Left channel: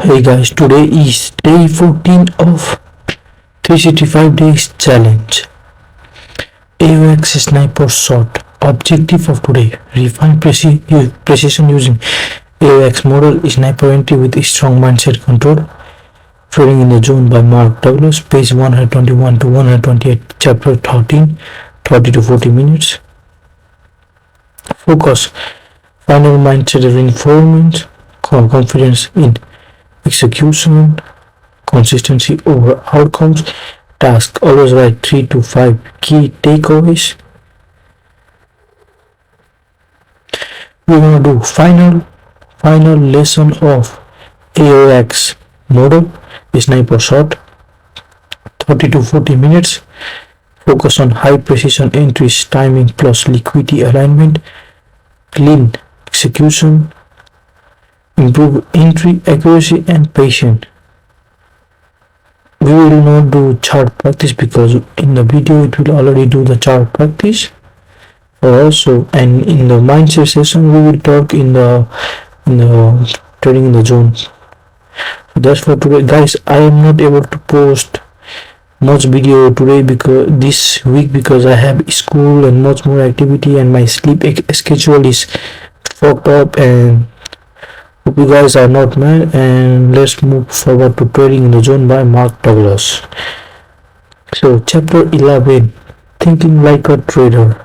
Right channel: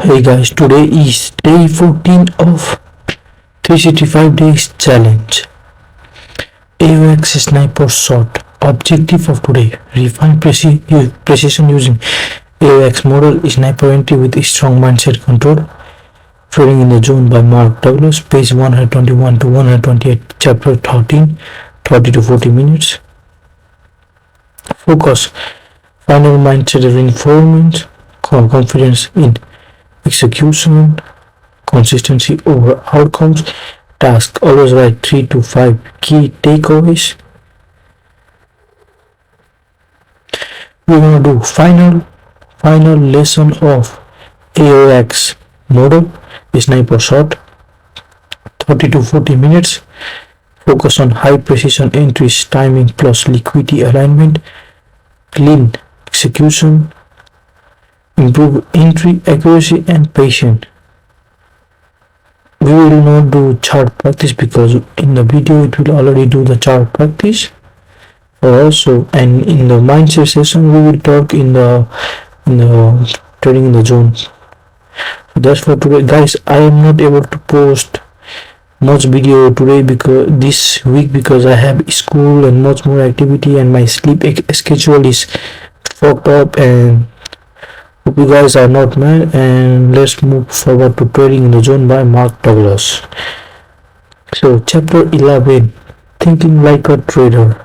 Hey guys, today is day 14 of 365 days challenge. AOX sniper shot. Objective of today: refine precision using AOX model, sniper entry with strong mindset control. Trading in the Zone by Mark Douglas, page 121 to 128, chapter 13, 30 to 40 minutes. Focus: final mindset reinforcement, confidence in execution, consistency over outcomes. Task: always write 3 to 5 key takeaways. We're gonna do final lesson of AOX model, sniper shot, 30 to 40 minutes. Focus on high precision entries, timing plus liquidity alignment, clean execution, improve entry accuracy and patience. We will not do chart practice because in the video it will already do the chart practice. Also, and in the mindset session we will talk in the trading in the zone. That's for today, guys. I am not able to post much video today because this week because I have school and much more activity and my sleep schedule is fucked up, and hope you guys are not mad. And let's move forward to Trading in the Zone by Mark Douglas. So chapter 11, thinking like a trader.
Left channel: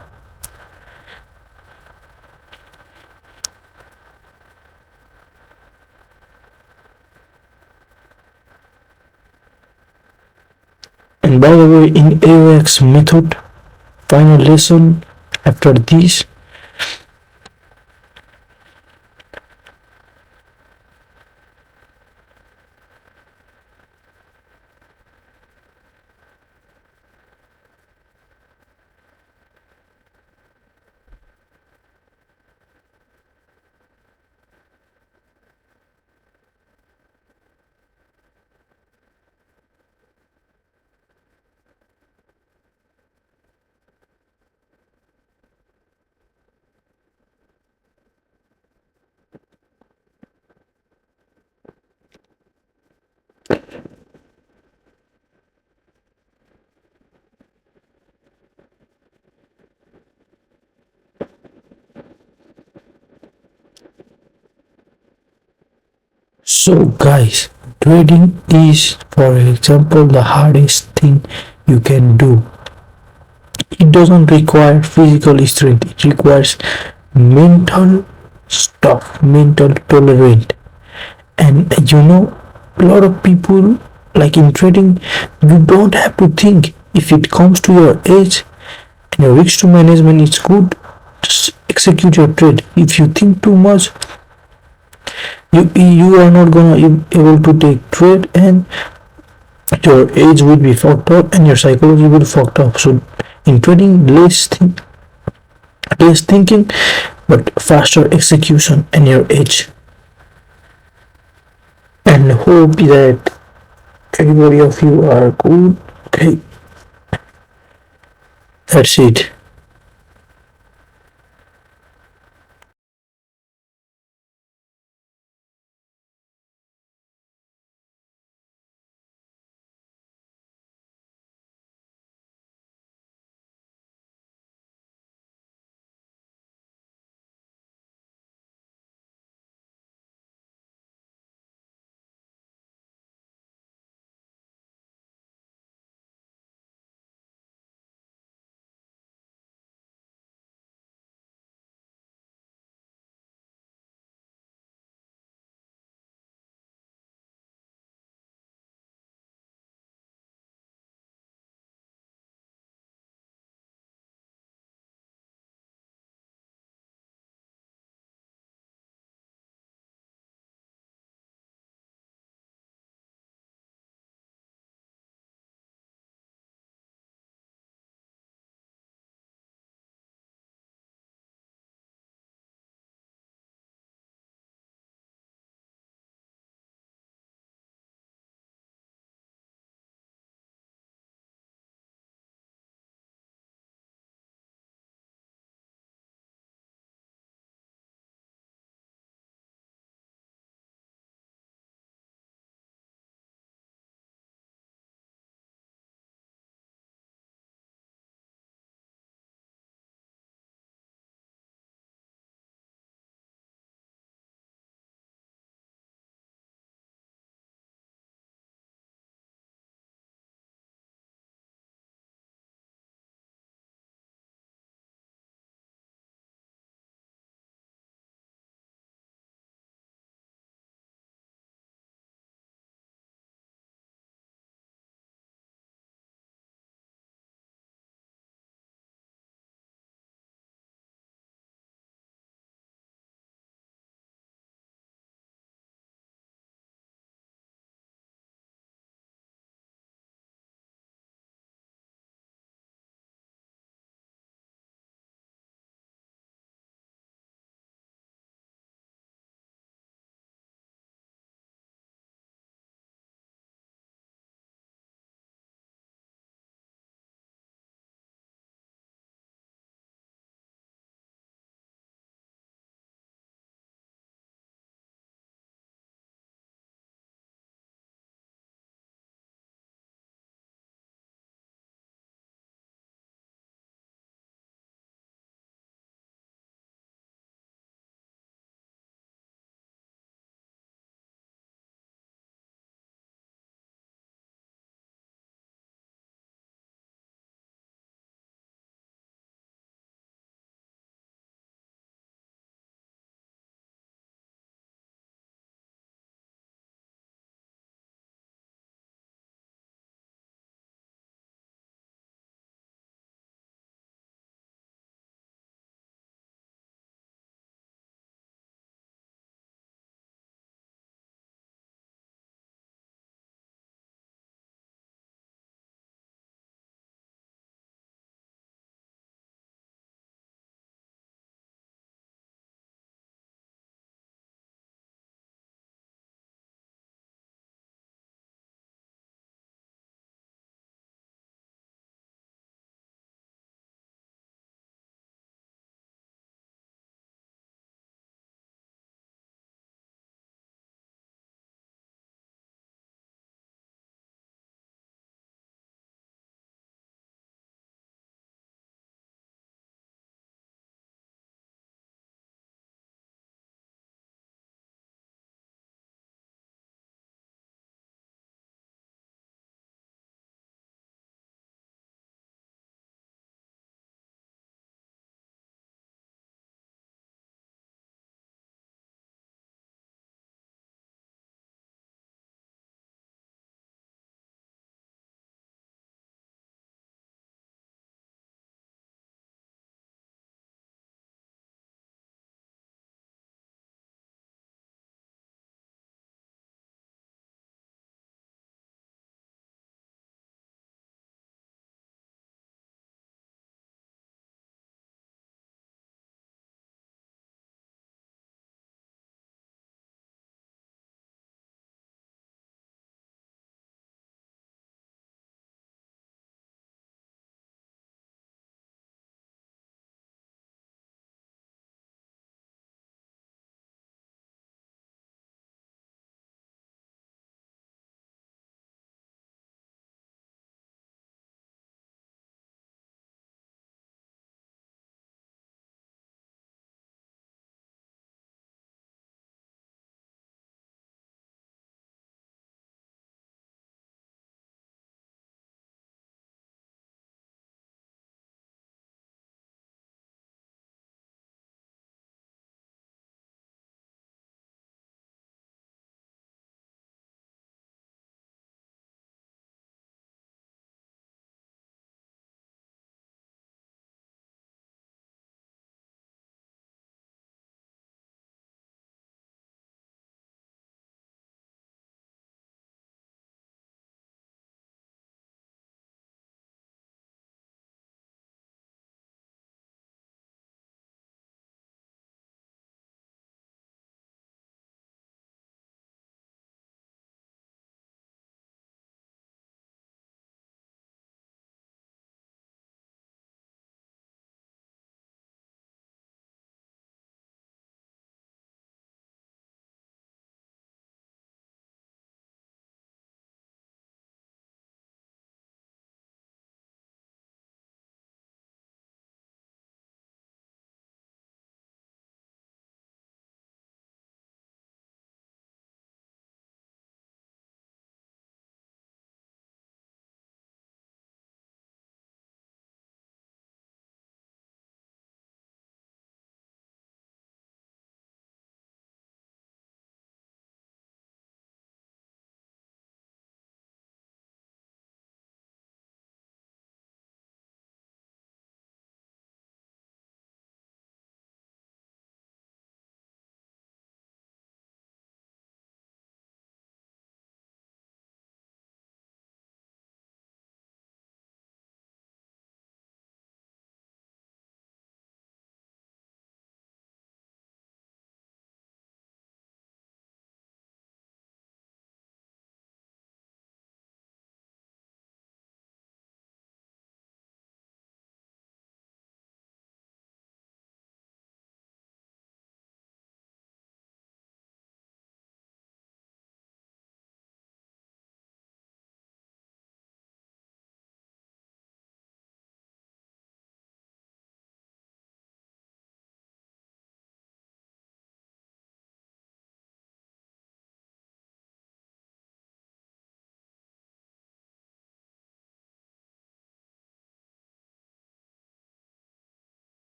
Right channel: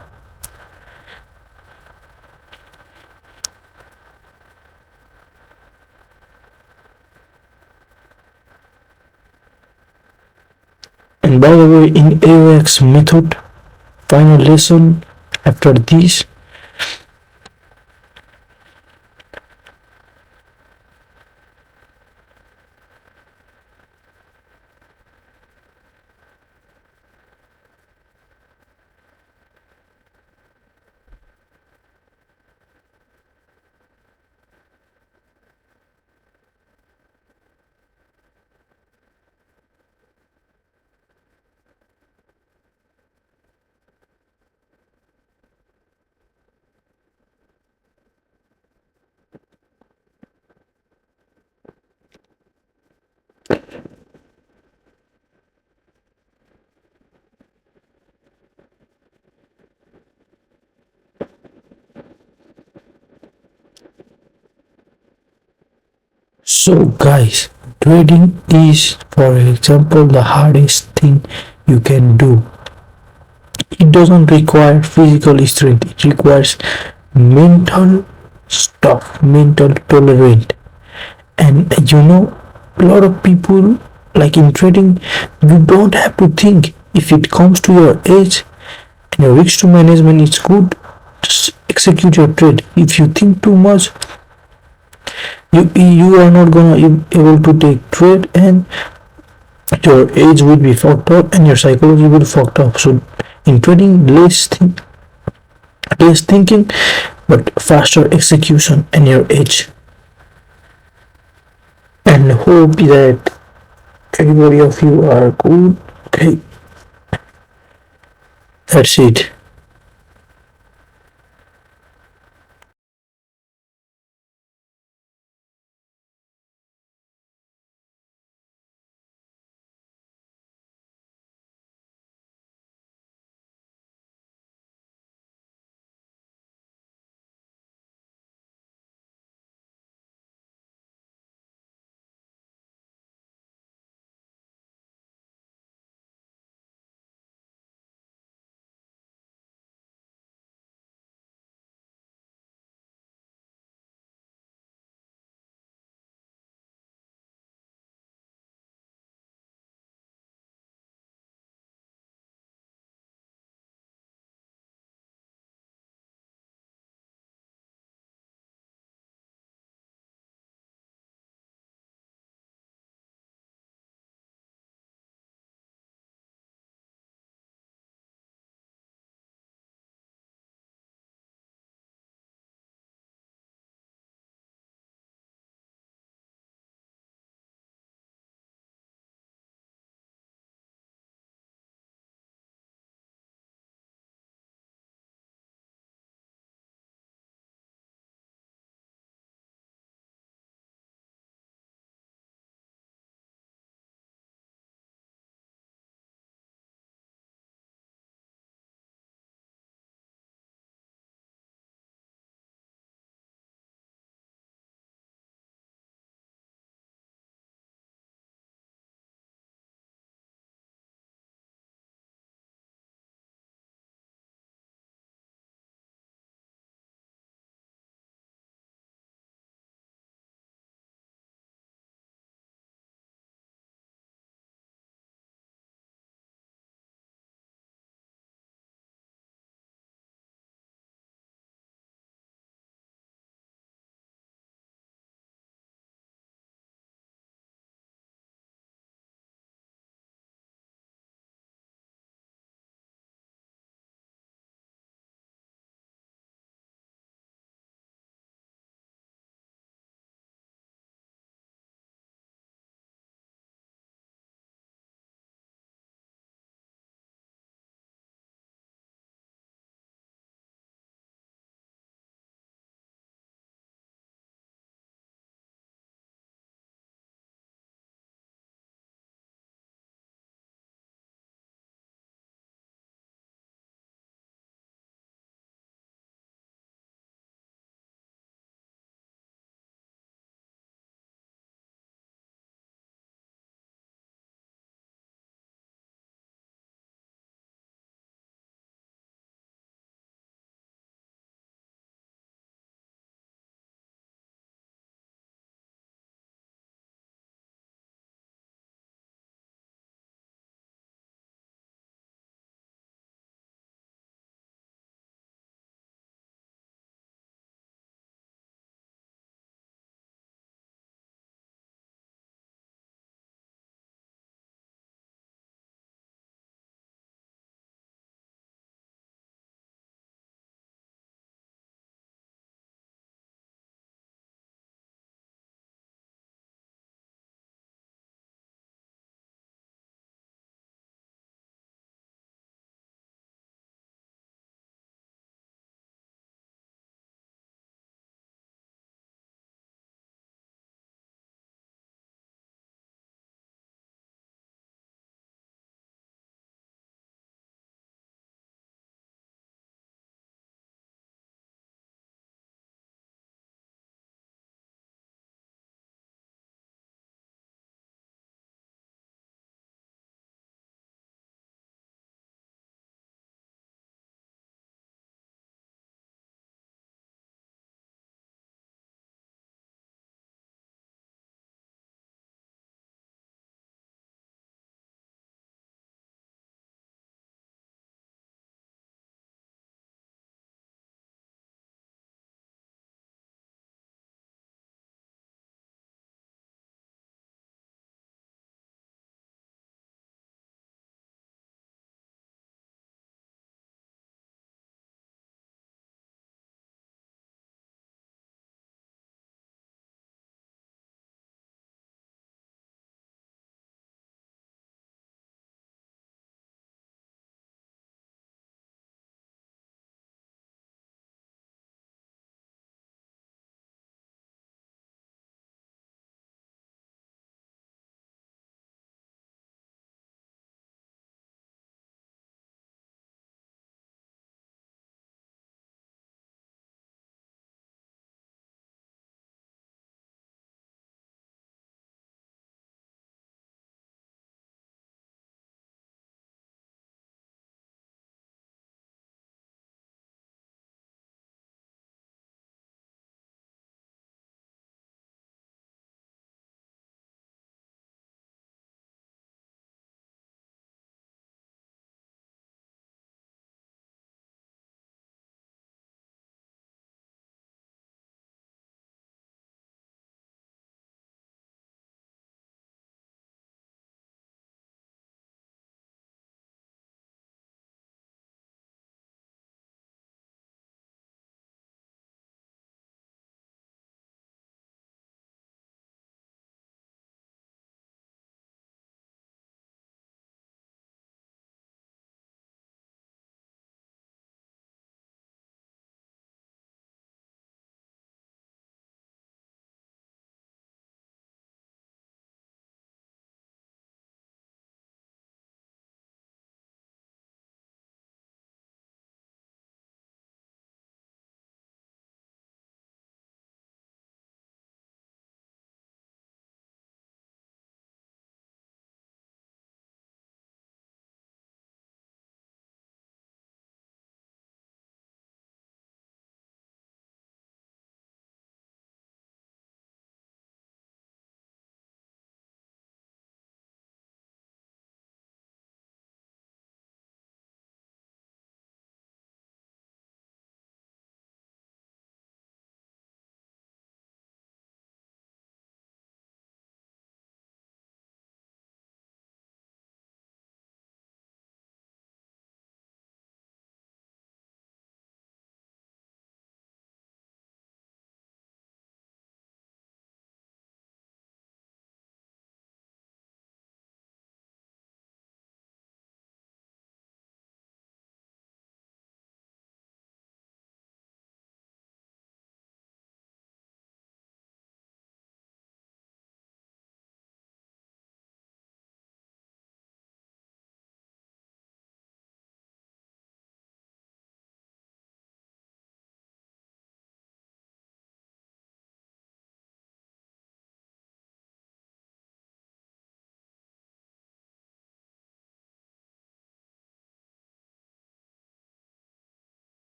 And by the way, in AOX method, final lesson after this. So guys, trading is, for example, the hardest thing you can do. It doesn't require physical strength, it requires mental stuff, mental tolerant. And a lot of people, like in trading, you don't have to think. If it comes to your edge and your risk to management is good, just execute your trade. If you think too much, you are not gonna able to take trade, and your age will be fucked up and your psychology will be fucked up. So in trading, less thinking but faster execution and your edge. And hope that everybody of you are good. Okay, that's it.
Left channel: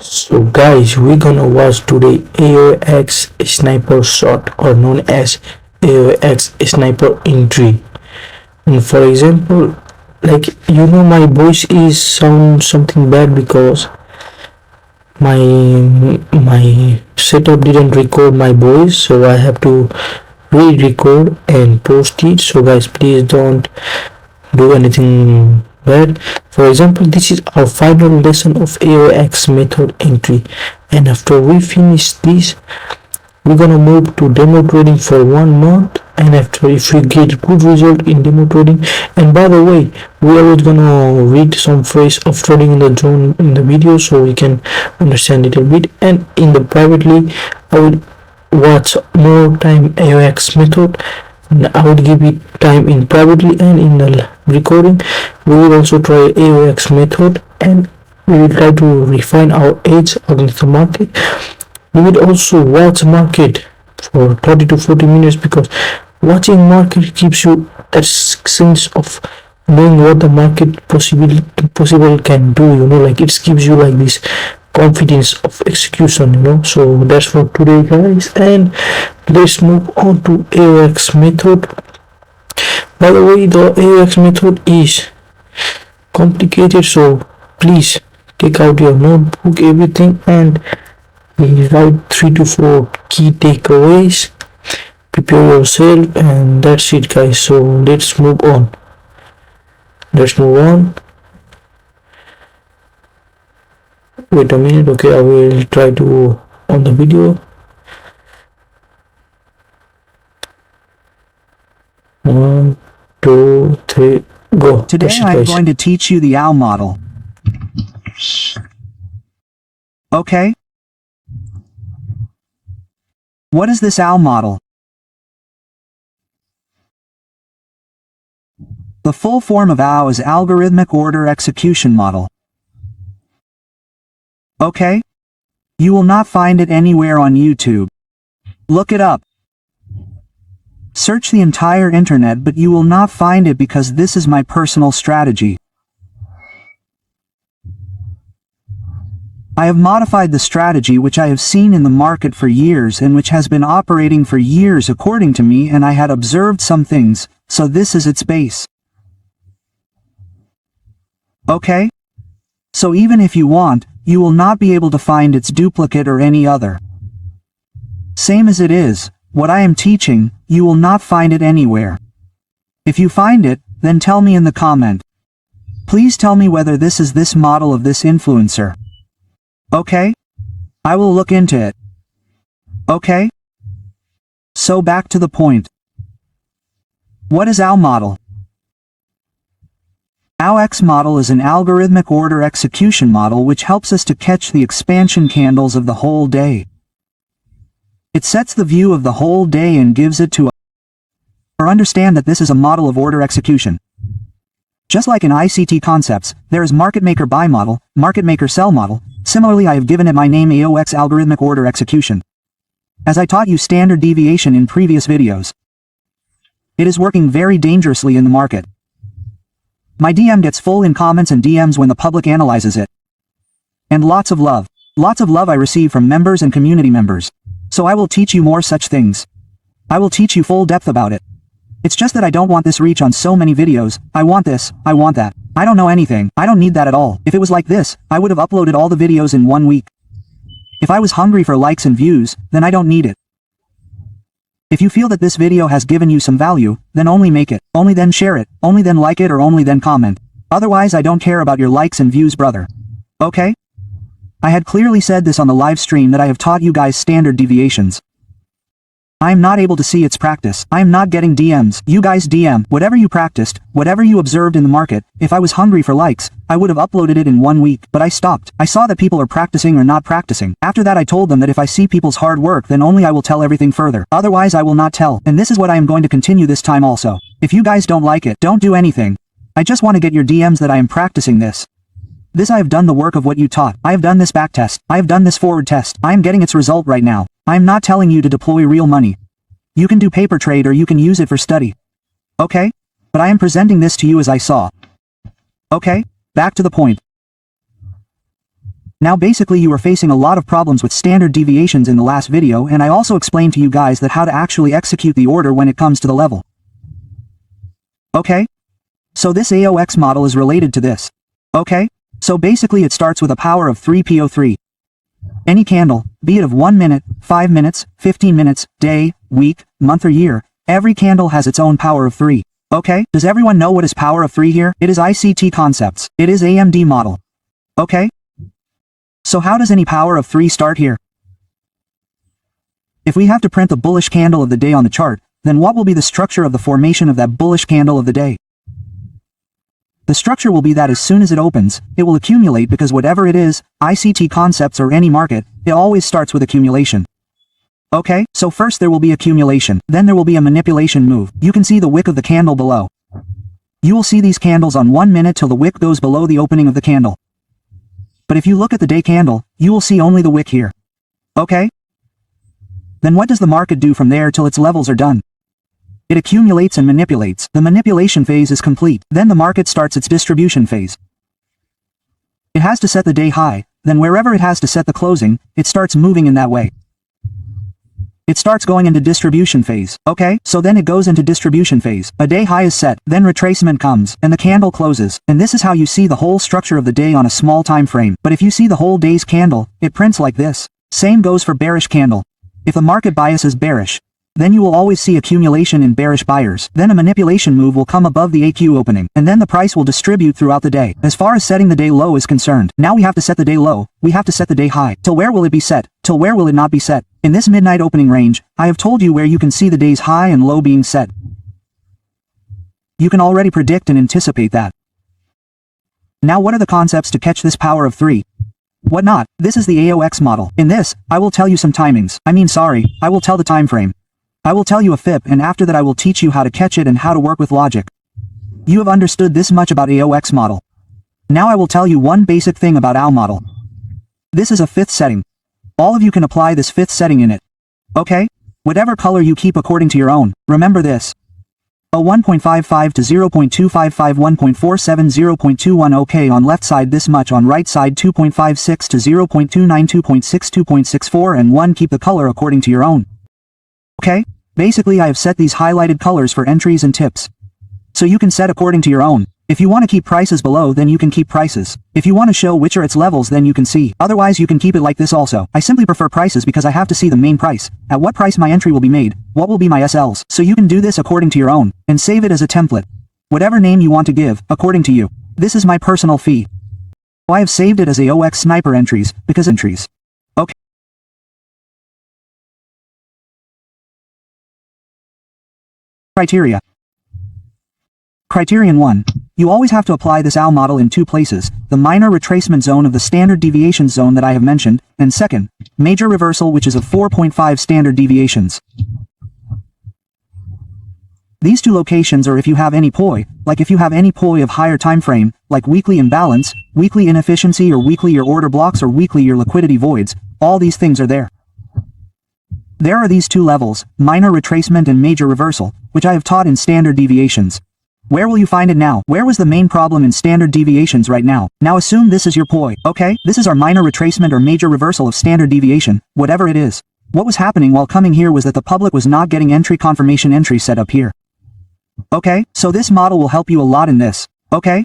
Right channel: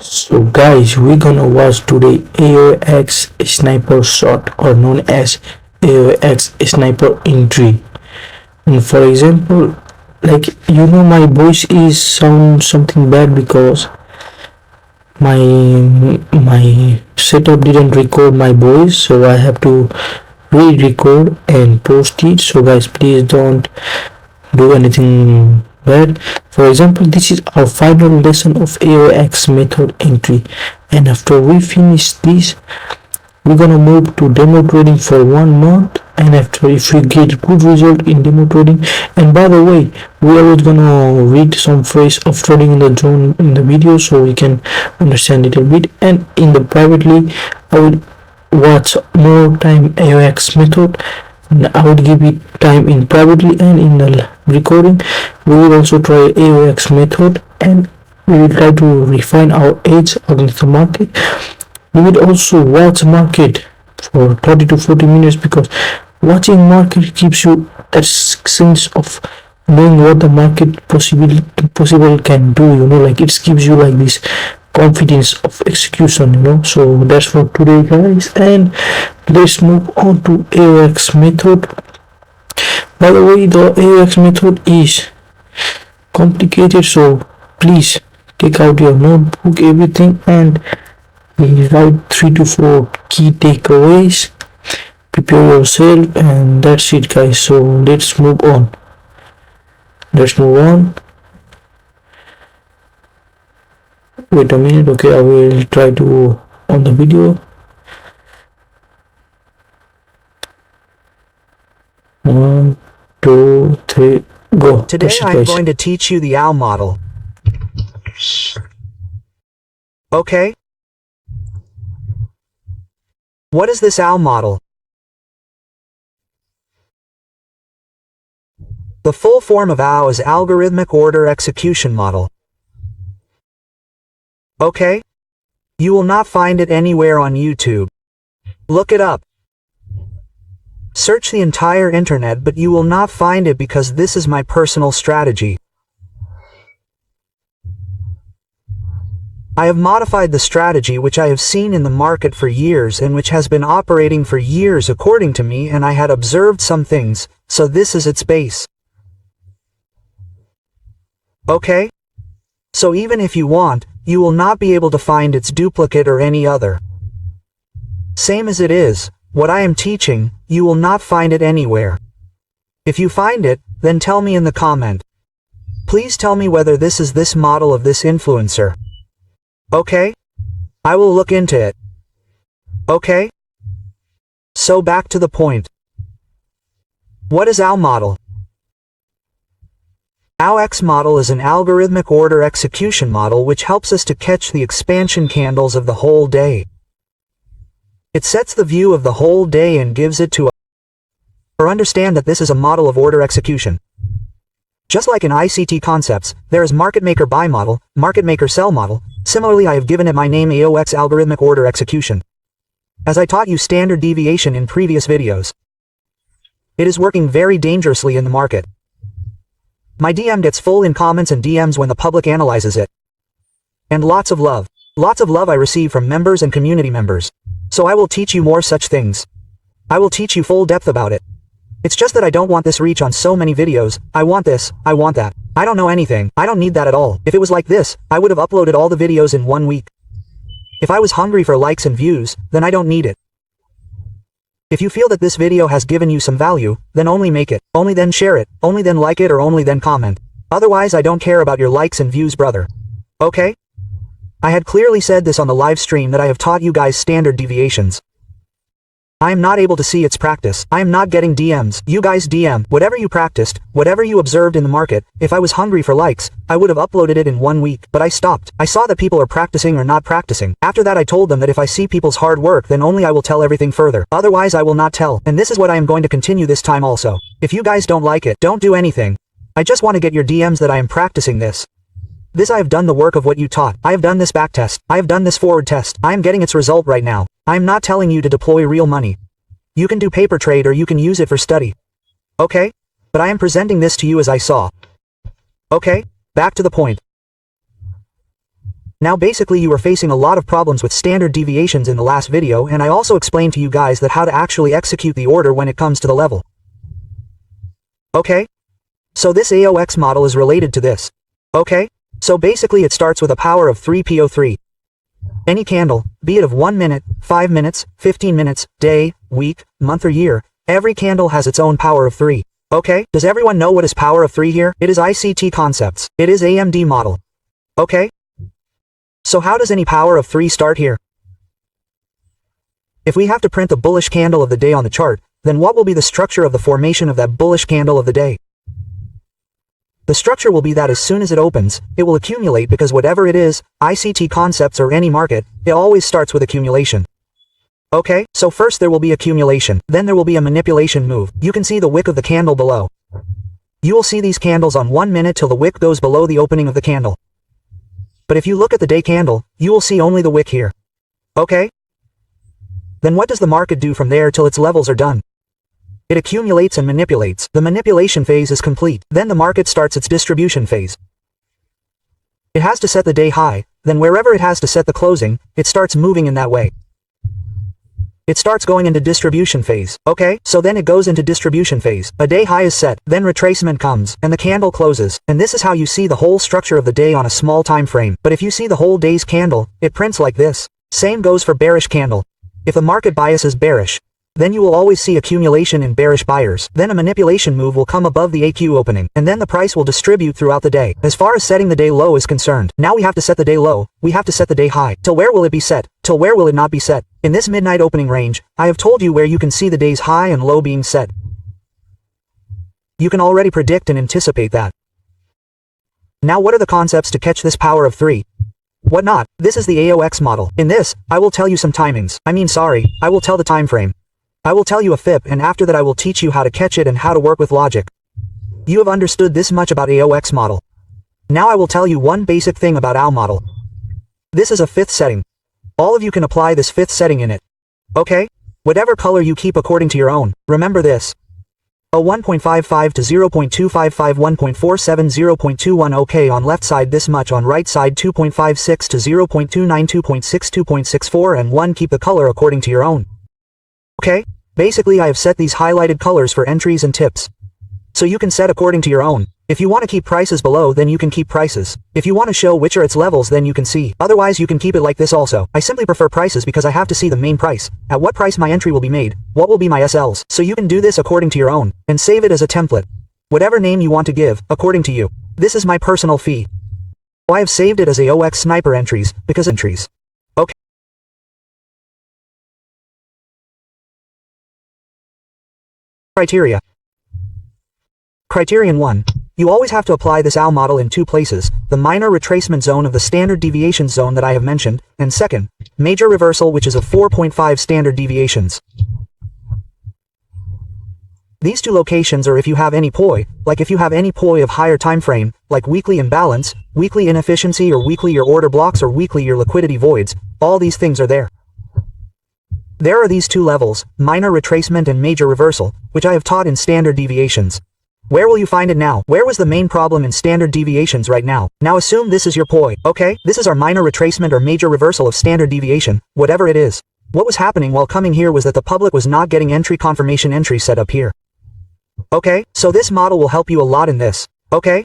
So guys, we're gonna watch today AOX sniper shot, or known as AOX sniper entry. And for example, like my voice is sound something bad because my my setup didn't record my voice, so I have to re-record and post it. So guys, please don't do anything bad. For example, this is our final lesson of AOX method entry, and after we finish this, we're gonna move to demo trading for 1 month. And after, if we get good result in demo trading, and by the way, we are gonna read some phrase of trading in the zone in the video so we can understand it a bit. And in the privately, I will watch more time AOX method. I would give it time in privately, and in the recording we will also try AOX method, and we will try to refine our edge against the market. We will also watch market for 30 to 40 minutes, because watching market gives you that sense of knowing what the market possible can do, like it gives you like this confidence of execution. So that's for today, guys, and let's move on to AOX method. By the way, the AOX method is complicated, so please take out your notebook, everything, and write 3 to 4 key takeaways. Prepare yourself, and that's it, guys. So let's move on. Wait a minute. Okay, I will try to on the video. 1, 2, 3, go. Today I'm going to teach you the OW model. Okay? What is this OW model? The full form of OW is Algorithmic Order Execution Model. Okay? You will not find it anywhere on YouTube. Look it up. Search the entire internet, but you will not find it, because this is my personal strategy. I have modified the strategy which I have seen in the market for years and which has been operating for years according to me, and I had observed some things, so this is its base. Okay? So even if you want, you will not be able to find its duplicate or any other. Same as it is, what I am teaching, you will not find it anywhere. If you find it, then tell me in the comment. Please tell me whether this is this model of this influencer. Okay? I will look into it. Okay? So back to the point. What is OW model? OWX model is an algorithmic order execution model which helps us to catch the expansion candles of the whole day. It sets the view of the whole day and gives it to us. Or understand that this is a model of order execution. Just like in ICT concepts, there is market maker buy model, market maker sell model. Similarly, I have given it my name, AOX algorithmic order execution. As I taught you standard deviation in previous videos. It is working very dangerously in the market. My DM gets full in comments and DMs when the public analyzes it. And lots of love. Lots of love I receive from members and community members. So I will teach you more such things. I will teach you full depth about it. It's just that I don't want this reach on so many videos. I want this, I want that. I don't know anything. I don't need that at all. If it was like this, I would have uploaded all the videos in 1 week. If I was hungry for likes and views, then I don't need it. If you feel that this video has given you some value, then only make it, only then share it, only then like it, or only then comment. Otherwise, I don't care about your likes and views, brother. Okay? I had clearly said this on the live stream that I have taught you guys standard deviations. I am not able to see its practice. I am not getting DMs. You guys DM. Whatever you practiced, whatever you observed in the market, if I was hungry for likes, I would have uploaded it in 1 week, but I stopped. I saw that people are practicing or not practicing. After that I told them that if I see people's hard work, then only I will tell everything further. Otherwise I will not tell. And this is what I am going to continue this time also. If you guys don't like it, don't do anything. I just want to get your DMs that I am practicing this. This I have done the work of what you taught. I have done this back test. I have done this forward test. I am getting its result right now. I am not telling you to deploy real money. You can do paper trade or you can use it for study. Okay? But I am presenting this to you as I saw. Okay? Back to the point. Now basically you were facing a lot of problems with standard deviations in the last video, and I also explained to you guys that how to actually execute the order when it comes to the level. Okay? So this AOX model is related to this. Okay? So basically it starts with a power of 3po3. Any candle, be it of 1 minute, 5 minutes, 15 minutes, day, week, month or year, every candle has its own power of 3. Okay? Does everyone know what is power of 3 here? It is ICT concepts. It is AMD model. Okay? So how does any power of 3 start here? If we have to print the bullish candle of the day on the chart, then what will be the structure of the formation of that bullish candle of the day? The structure will be that as soon as it opens, it will accumulate, because whatever it is, ICT concepts or any market, it always starts with accumulation. Okay, so first there will be accumulation, then there will be a manipulation move. You can see the wick of the candle below. You will see these candles on 1 minute till the wick goes below the opening of the candle. But if you look at the day candle, you will see only the wick here. Okay? Then what does the market do from there till its levels are done? It accumulates and manipulates. The manipulation phase is complete. Then the market starts its distribution phase. It has to set the day high, then wherever it has to set the closing, it starts moving in that way. It starts going into distribution phase. Okay, so then it goes into distribution phase. A day high is set, then retracement comes, and the candle closes. And this is how you see the whole structure of the day on a small time frame. But if you see the whole day's candle, it prints like this. Same goes for bearish candle. If the market bias is bearish, then you will always see accumulation in bearish buyers. Then a manipulation move will come above the AQ opening, and then the price will distribute throughout the day. As far as setting the day low is concerned, now we have to set the day low, we have to set the day high. Till where will it be set? Till where will it not be set? In this midnight opening range, I have told you where you can see the day's high and low being set. You can already predict and anticipate that. Now what are the concepts to catch this power of 3? What not? This is the AOX model. In this, I will tell you some timings. I will tell the time frame. I will tell you a FIP, and after that I will teach you how to catch it and how to work with logic. You have understood this much about AOX model. Now I will tell you one basic thing about AO model. This is a 5th setting. All of you can apply this 5th setting in it. Okay? Whatever color you keep according to your own, remember this. A 1.55 to 0.255 1.47 0.21 okay on left side, this much on right side, 2.56 to 0.29 2.6 2.64 and 1. Keep the color according to your own. Okay? Basically I have set these highlighted colors for entries and tips. So you can set according to your own. If you want to keep prices below, then you can keep prices. If you want to show which are its levels, then you can see. Otherwise you can keep it like this also. I simply prefer prices because I have to see the main price. At what price my entry will be made, what will be my SLs. So you can do this according to your own, and save it as a template. Whatever name you want to give, according to you. This is my personal fee. I have saved it as AOX sniper entries, because entries. Okay. Criteria. Criterion 1. You always have to apply this AO model in 2 places, the minor retracement zone of the standard deviation zone that I have mentioned, and second, major reversal, which is of 4.5 standard deviations. These 2 locations, or if you have any POI, like if you have any POI of higher time frame, like weekly imbalance, weekly inefficiency, or weekly your order blocks, or weekly your liquidity voids, all these things are there. There are these 2 levels, minor retracement and major reversal, which I have taught in standard deviations. Where will you find it now? Where was the main problem in standard deviations right now? Now assume this is your POI, okay? This is our minor retracement or major reversal of standard deviation, whatever it is. What was happening while coming here was that the public was not getting entry confirmation entry set up here. Okay, so this model will help you a lot in this, okay?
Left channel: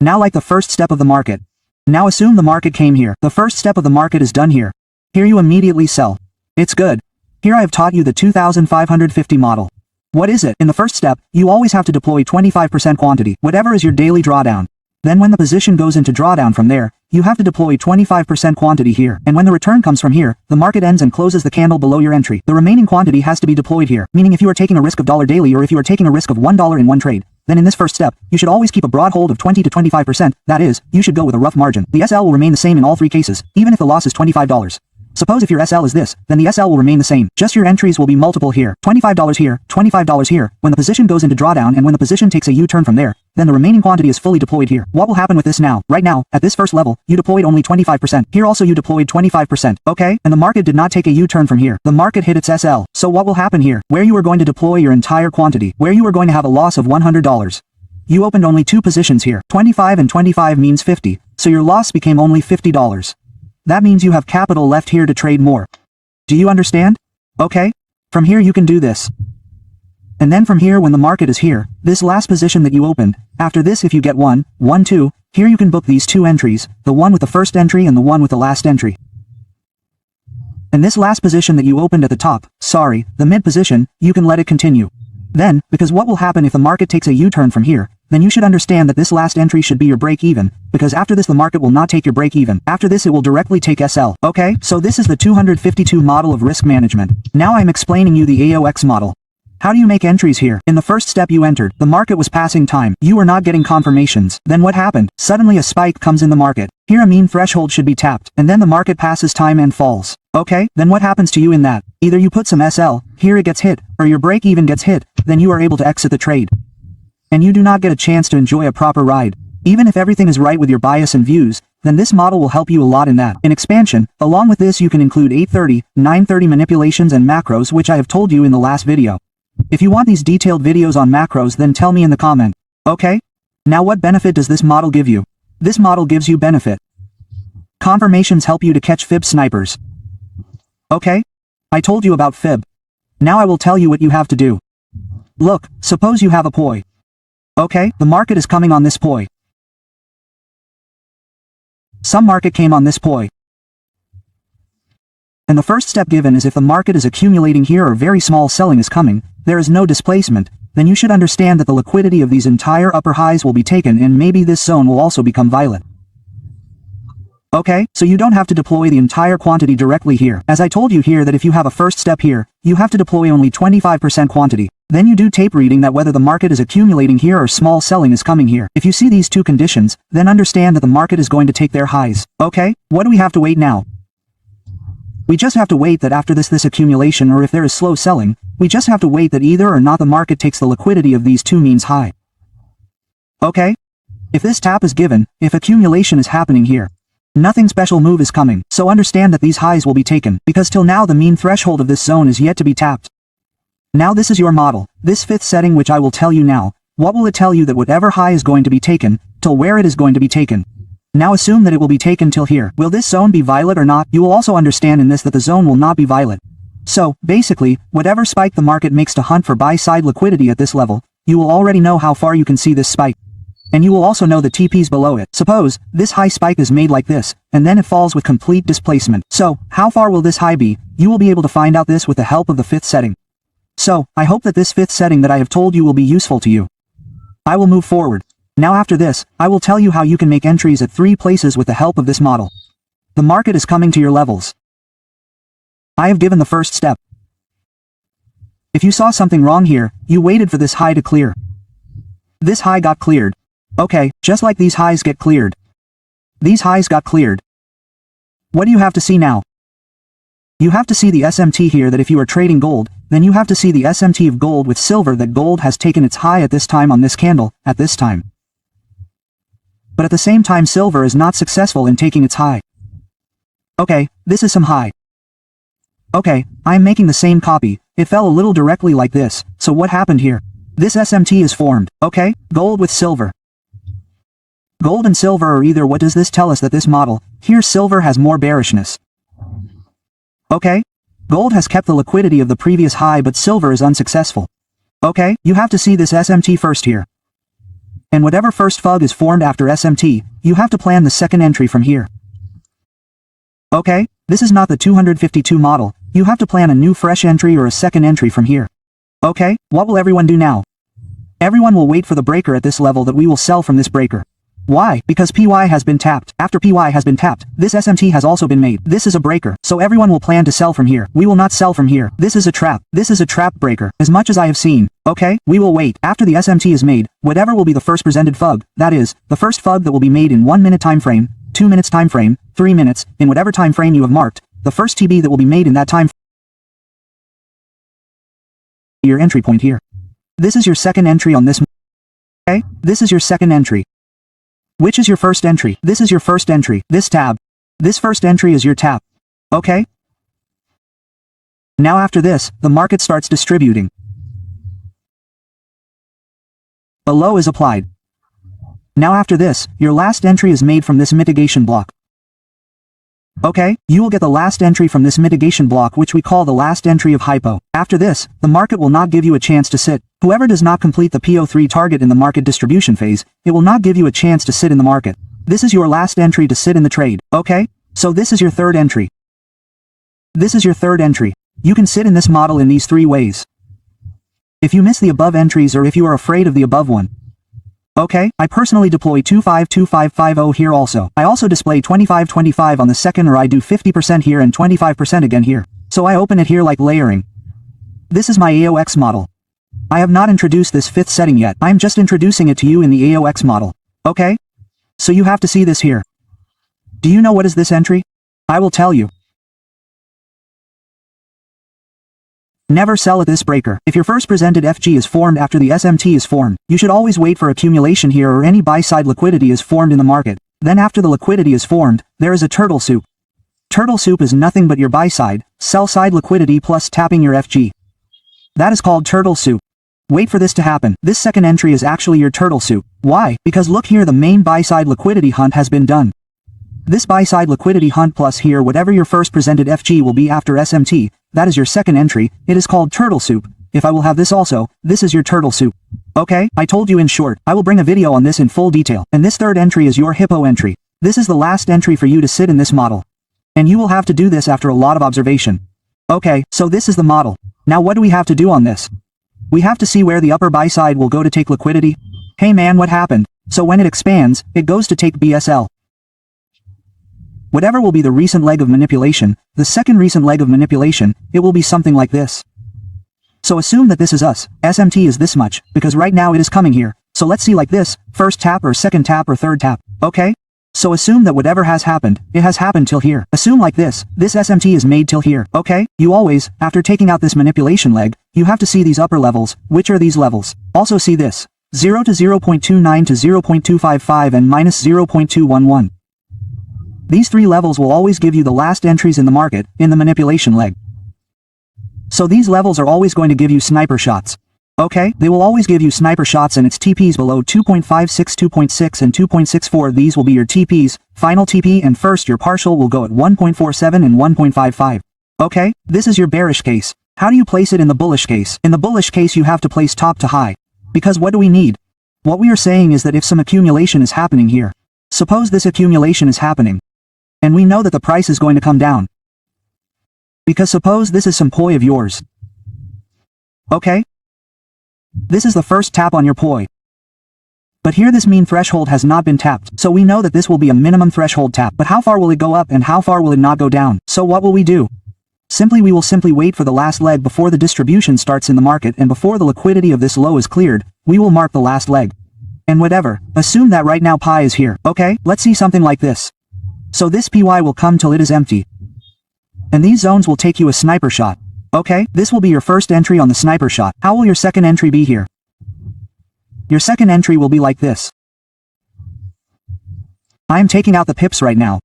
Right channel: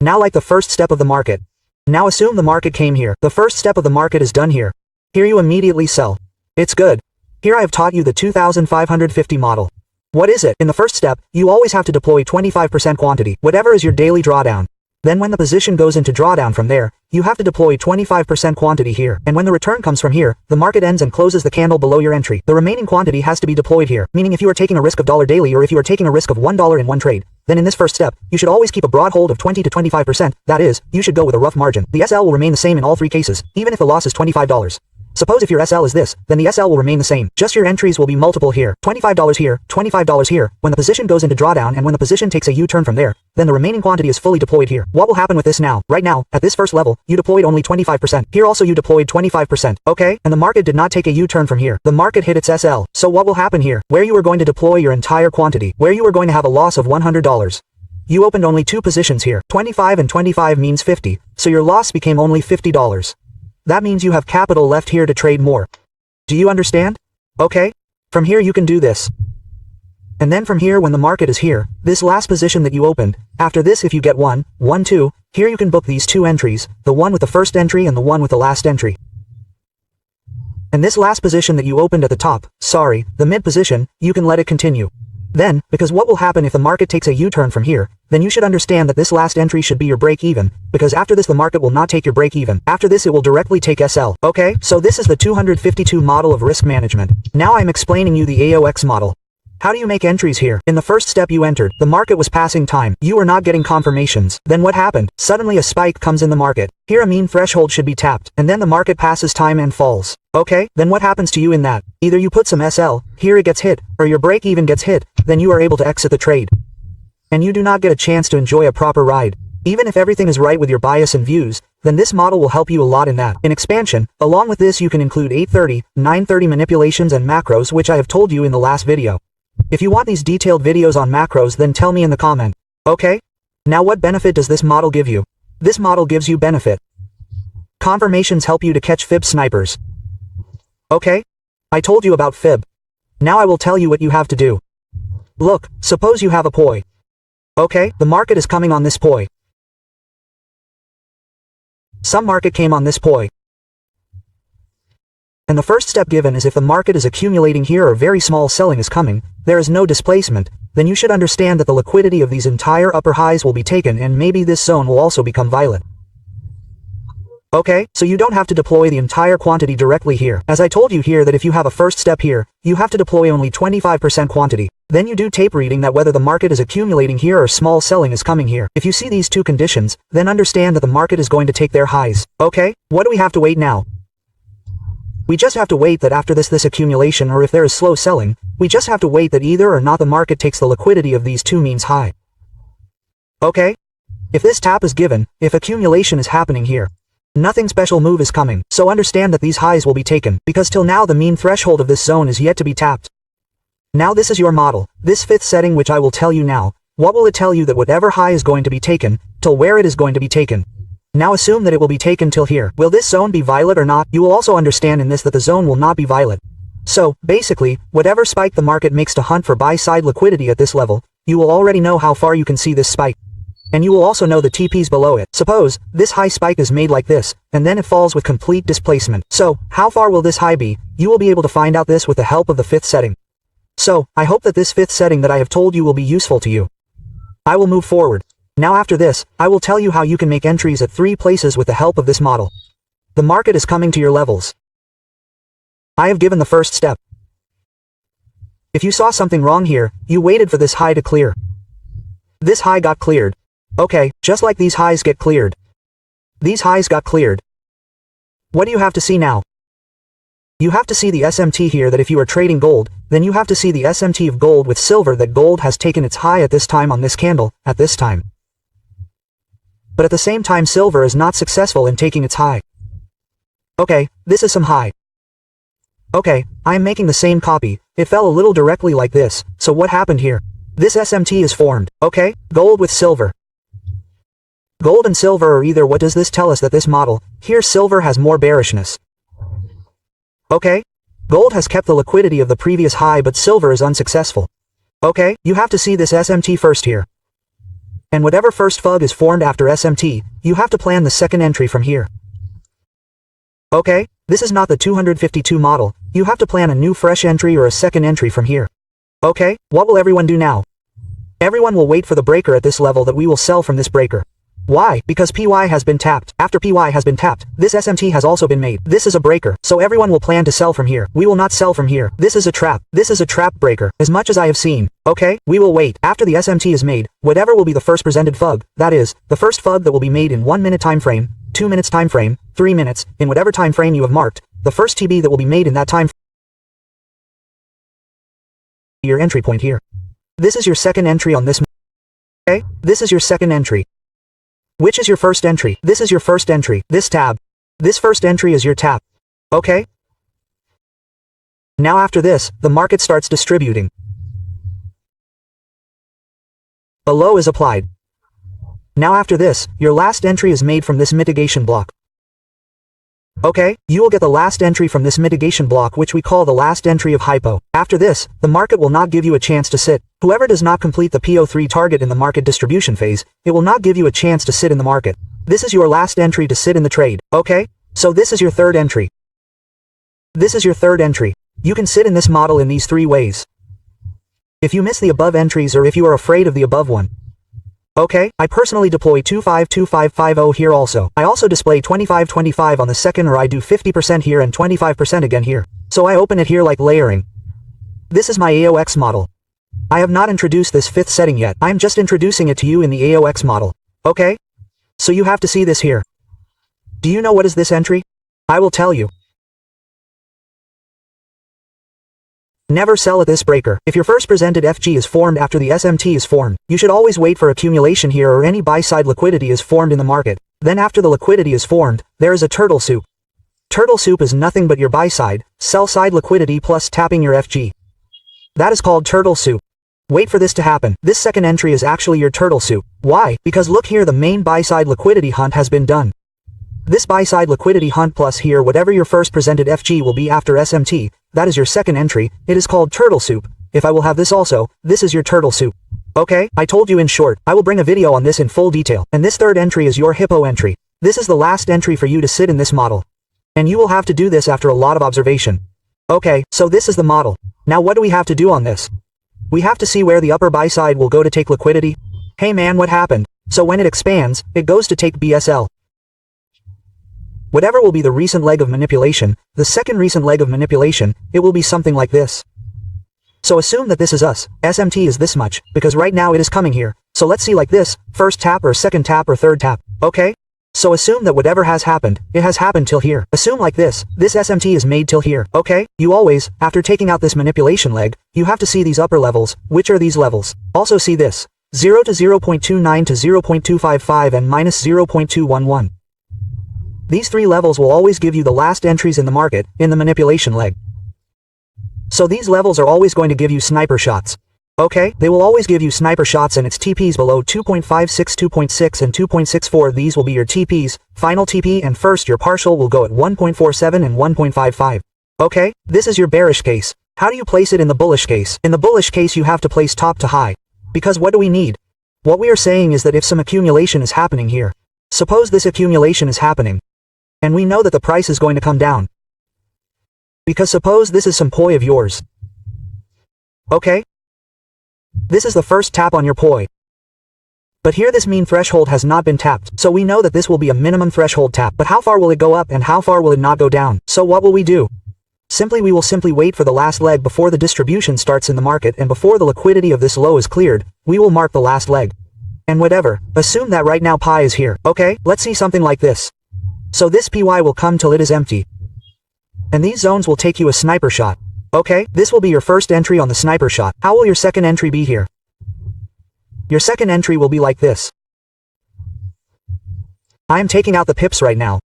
Now like the first step of the market. Now assume the market came here. The first step of the market is done here. Here you immediately sell. It's good. Here I have taught you the 2550 model. What is it? In the first step, you always have to deploy 25% quantity, whatever is your daily drawdown. Then when the position goes into drawdown from there, you have to deploy 25% quantity here. And when the return comes from here, the market ends and closes the candle below your entry. The remaining quantity has to be deployed here, meaning if you are taking a risk of $1 daily or if you are taking a risk of $1 in one trade, then in this first step, you should always keep a broad hold of 20 to 25%, that is, you should go with a rough margin. The SL will remain the same in all 3 cases, even if the loss is $25. Suppose if your SL is this, then the SL will remain the same. Just your entries will be multiple here, $25 here, $25 here. When the position goes into drawdown and when the position takes a U-turn from there, then the remaining quantity is fully deployed here. What will happen with this now? Right now, at this first level, you deployed only 25%. Here also you deployed 25%, okay? And the market did not take a U-turn from here. The market hit its SL. So what will happen here? Where you were going to deploy your entire quantity, where you were going to have a loss of $100. You opened only 2 positions here. 25 and 25 means 50, so your loss became only $50. that means you have capital left here to trade more. Do you understand? Okay? From here you can do this. And then from here when the market is here, this last position that you opened, after this if you get 1, 1, 2, here you can book these 2 entries, the one with the first entry and the one with the last entry. And this last position that you opened at the top, the mid position, you can let it continue. Then, because what will happen if the market takes a U-turn from here, then you should understand that this last entry should be your break-even, because after this the market will not take your break-even. After this it will directly take SL. Okay, so this is the 252 model of risk management. Now I'm explaining you the AOX model. How do you make entries here? In the first step you entered, the market was passing time. You were not getting confirmations. Then what happened? Suddenly a spike comes in the market. Here a mean threshold should be tapped, and then the market passes time and falls. Okay, then what happens to you in that? Either you put some SL, here it gets hit, or your break even gets hit, then you are able to exit the trade. And you do not get a chance to enjoy a proper ride. Even if everything is right with your bias and views, then this model will help you a lot in that. In expansion, along with this you can include 830, 930 manipulations and macros which I have told you in the last video. If you want these detailed videos on macros then tell me in the comment. Okay? Now what benefit does this model give you? This model gives you benefit. Confirmations help you to catch fib snipers. Okay? I told you about fib. Now I will tell you what you have to do. Look, suppose you have a poi. Okay, the market is coming on this poi. Some market came on this poi. And the first step given is if the market is accumulating here or very small selling is coming, there is no displacement, then you should understand that the liquidity of these entire upper highs will be taken and maybe this zone will also become violet. Okay, so you don't have to deploy the entire quantity directly here. As I told you here that if you have a first step here, you have to deploy only 25% quantity. Then you do tape reading that whether the market is accumulating here or small selling is coming here. If you see these two conditions, then understand that the market is going to take their highs. Okay, what do we have to wait now? We just have to wait that after this accumulation or if there is slow selling, we just have to wait that either or not the market takes the liquidity of these two means high. Okay? If this tap is given, if accumulation is happening here, nothing special move is coming, so understand that these highs will be taken, because till now the mean threshold of this zone is yet to be tapped. Now this is your model, this fifth setting which I will tell you now. What will it tell you that whatever high is going to be taken, till where it is going to be taken? Now assume that it will be taken till here. Will this zone be violet or not? You will also understand in this that the zone will not be violet. So, basically, whatever spike the market makes to hunt for buy-side liquidity at this level, you will already know how far you can see this spike. And you will also know the TPs below it. Suppose, this high spike is made like this, and then it falls with complete displacement. So, how far will this high be? You will be able to find out this with the help of the fifth setting. So, I hope that this fifth setting that I have told you will be useful to you. I will move forward. Now after this, I will tell you how you can make entries at 3 places with the help of this model. The market is coming to your levels. I have given the first step. If you saw something wrong here, you waited for this high to clear. This high got cleared. Okay, just like these highs get cleared. These highs got cleared. What do you have to see now? You have to see the SMT here that if you are trading gold, then you have to see the SMT of gold with silver that gold has taken its high at this time on this candle, at this time. But at the same time silver is not successful in taking its high. Okay, this is some high. Okay, I am making the same copy, it fell a little directly like this, so what happened here? This SMT is formed, okay, gold with silver. Gold and silver are either. What does this tell us? That this model, here silver has more bearishness. Okay? Gold has kept the liquidity of the previous high but silver is unsuccessful. Okay, you have to see this SMT first here. And whatever first FUG is formed after SMT, you have to plan the second entry from here. Okay, this is not the 252 model, you have to plan a new fresh entry or a second entry from here. Okay, what will everyone do now? Everyone will wait for the breaker at this level that we will sell from this breaker. Why? Because PY has been tapped. After PY has been tapped, this SMT has also been made. This is a breaker, so everyone will plan to sell from here. We will not sell from here. This is a trap. This is a trap breaker, as much as I have seen. Okay, we will wait. After the SMT is made, whatever will be the first presented FUG, that is, the first FUG that will be made in 1 minute time frame, 2 minutes time frame, 3 minutes, in whatever time frame you have marked, the first TB that will be made in that time your entry point here. This is your second entry on this. Okay, this is your second entry. Which is your first entry? This is your first entry. This tab. This first entry is your tap. Okay? Now after this, the market starts distributing. A low is applied. Now after this, your last entry is made from this mitigation block. Okay, you will get the last entry from this mitigation block, which we call the last entry of hypo. After this, the market will not give you a chance to sit. Whoever does not complete the PO3 target in the market distribution phase, it will not give you a chance to sit in the market. This is your last entry to sit in the trade, okay? So this is your third entry. This is your third entry. You can sit in this model in these three ways. If you miss the above entries or if you are afraid of the above one. Okay, I personally deploy 252550 here also. I also display 2525 on the second, or I do 50% here and 25% again here. So I open it here like layering. This is my AOX model. I have not introduced this fifth setting yet. I'm just introducing it to you in the AOX model. Okay? So you have to see this here. Do you know what is this entry? I will tell you. Never sell at this breaker. If your first presented FG is formed after the SMT is formed, you should always wait for accumulation here or any buy-side liquidity is formed in the market. Then after the liquidity is formed, there is a turtle soup. Turtle soup is nothing but your buy-side, sell-side liquidity plus tapping your FG. That is called turtle soup. Wait for this to happen. This second entry is actually your turtle soup. Why? Because look here, the main buy-side liquidity hunt has been done. This buy-side liquidity hunt plus here whatever your first presented FG will be after SMT, that is your second entry, it is called turtle soup. If I will have this also, this is your turtle soup. Okay, I told you in short, I will bring a video on this in full detail, and this third entry is your hippo entry. This is the last entry for you to sit in this model. And you will have to do this after a lot of observation. Okay, so this is the model. Now what do we have to do on this? We have to see where the upper buy side will go to take liquidity. Hey man, what happened? So when it expands, it goes to take BSL. Whatever will be the recent leg of manipulation, the second recent leg of manipulation, it will be something like this. So assume that this is us, SMT is this much, because right now it is coming here. So let's see like this, first tap or second tap or third tap, okay? So assume that whatever has happened, it has happened till here. Assume like this SMT is made till here, okay? You always, after taking out this manipulation leg, you have to see these upper levels. Which are these levels? Also see this, 0 to 0.29 to 0.255 and minus 0.211. These three levels will always give you the last entries in the market, in the manipulation leg. So these levels are always going to give you sniper shots. Okay, they will always give you sniper shots and its TPs below 2.56, 2.6 and 2.64. These will be your TPs, final TP and first your partial will go at 1.47 and 1.55. Okay, this is your bearish case. How do you place it in the bullish case? In the bullish case you have to place top to high. Because what do we need? What we are saying is that if some accumulation is happening here, suppose this accumulation is happening, and we know that the price is going to come down. Because suppose this is some poi of yours. Okay? This is the first tap on your poi. But here this mean threshold has not been tapped, so we know that this will be a minimum threshold tap. But how far will it go up and how far will it not go down? So what will we do? We will simply wait for the last leg before the distribution starts in the market and before the liquidity of this low is cleared, we will mark the last leg. And whatever, assume that right now pi is here. Okay, let's see something like this. So this PY will come till it is empty. And these zones will take you a sniper shot. Okay, this will be your first entry on the sniper shot. How will your second entry be here? Your second entry will be like this. I am taking out the pips right now.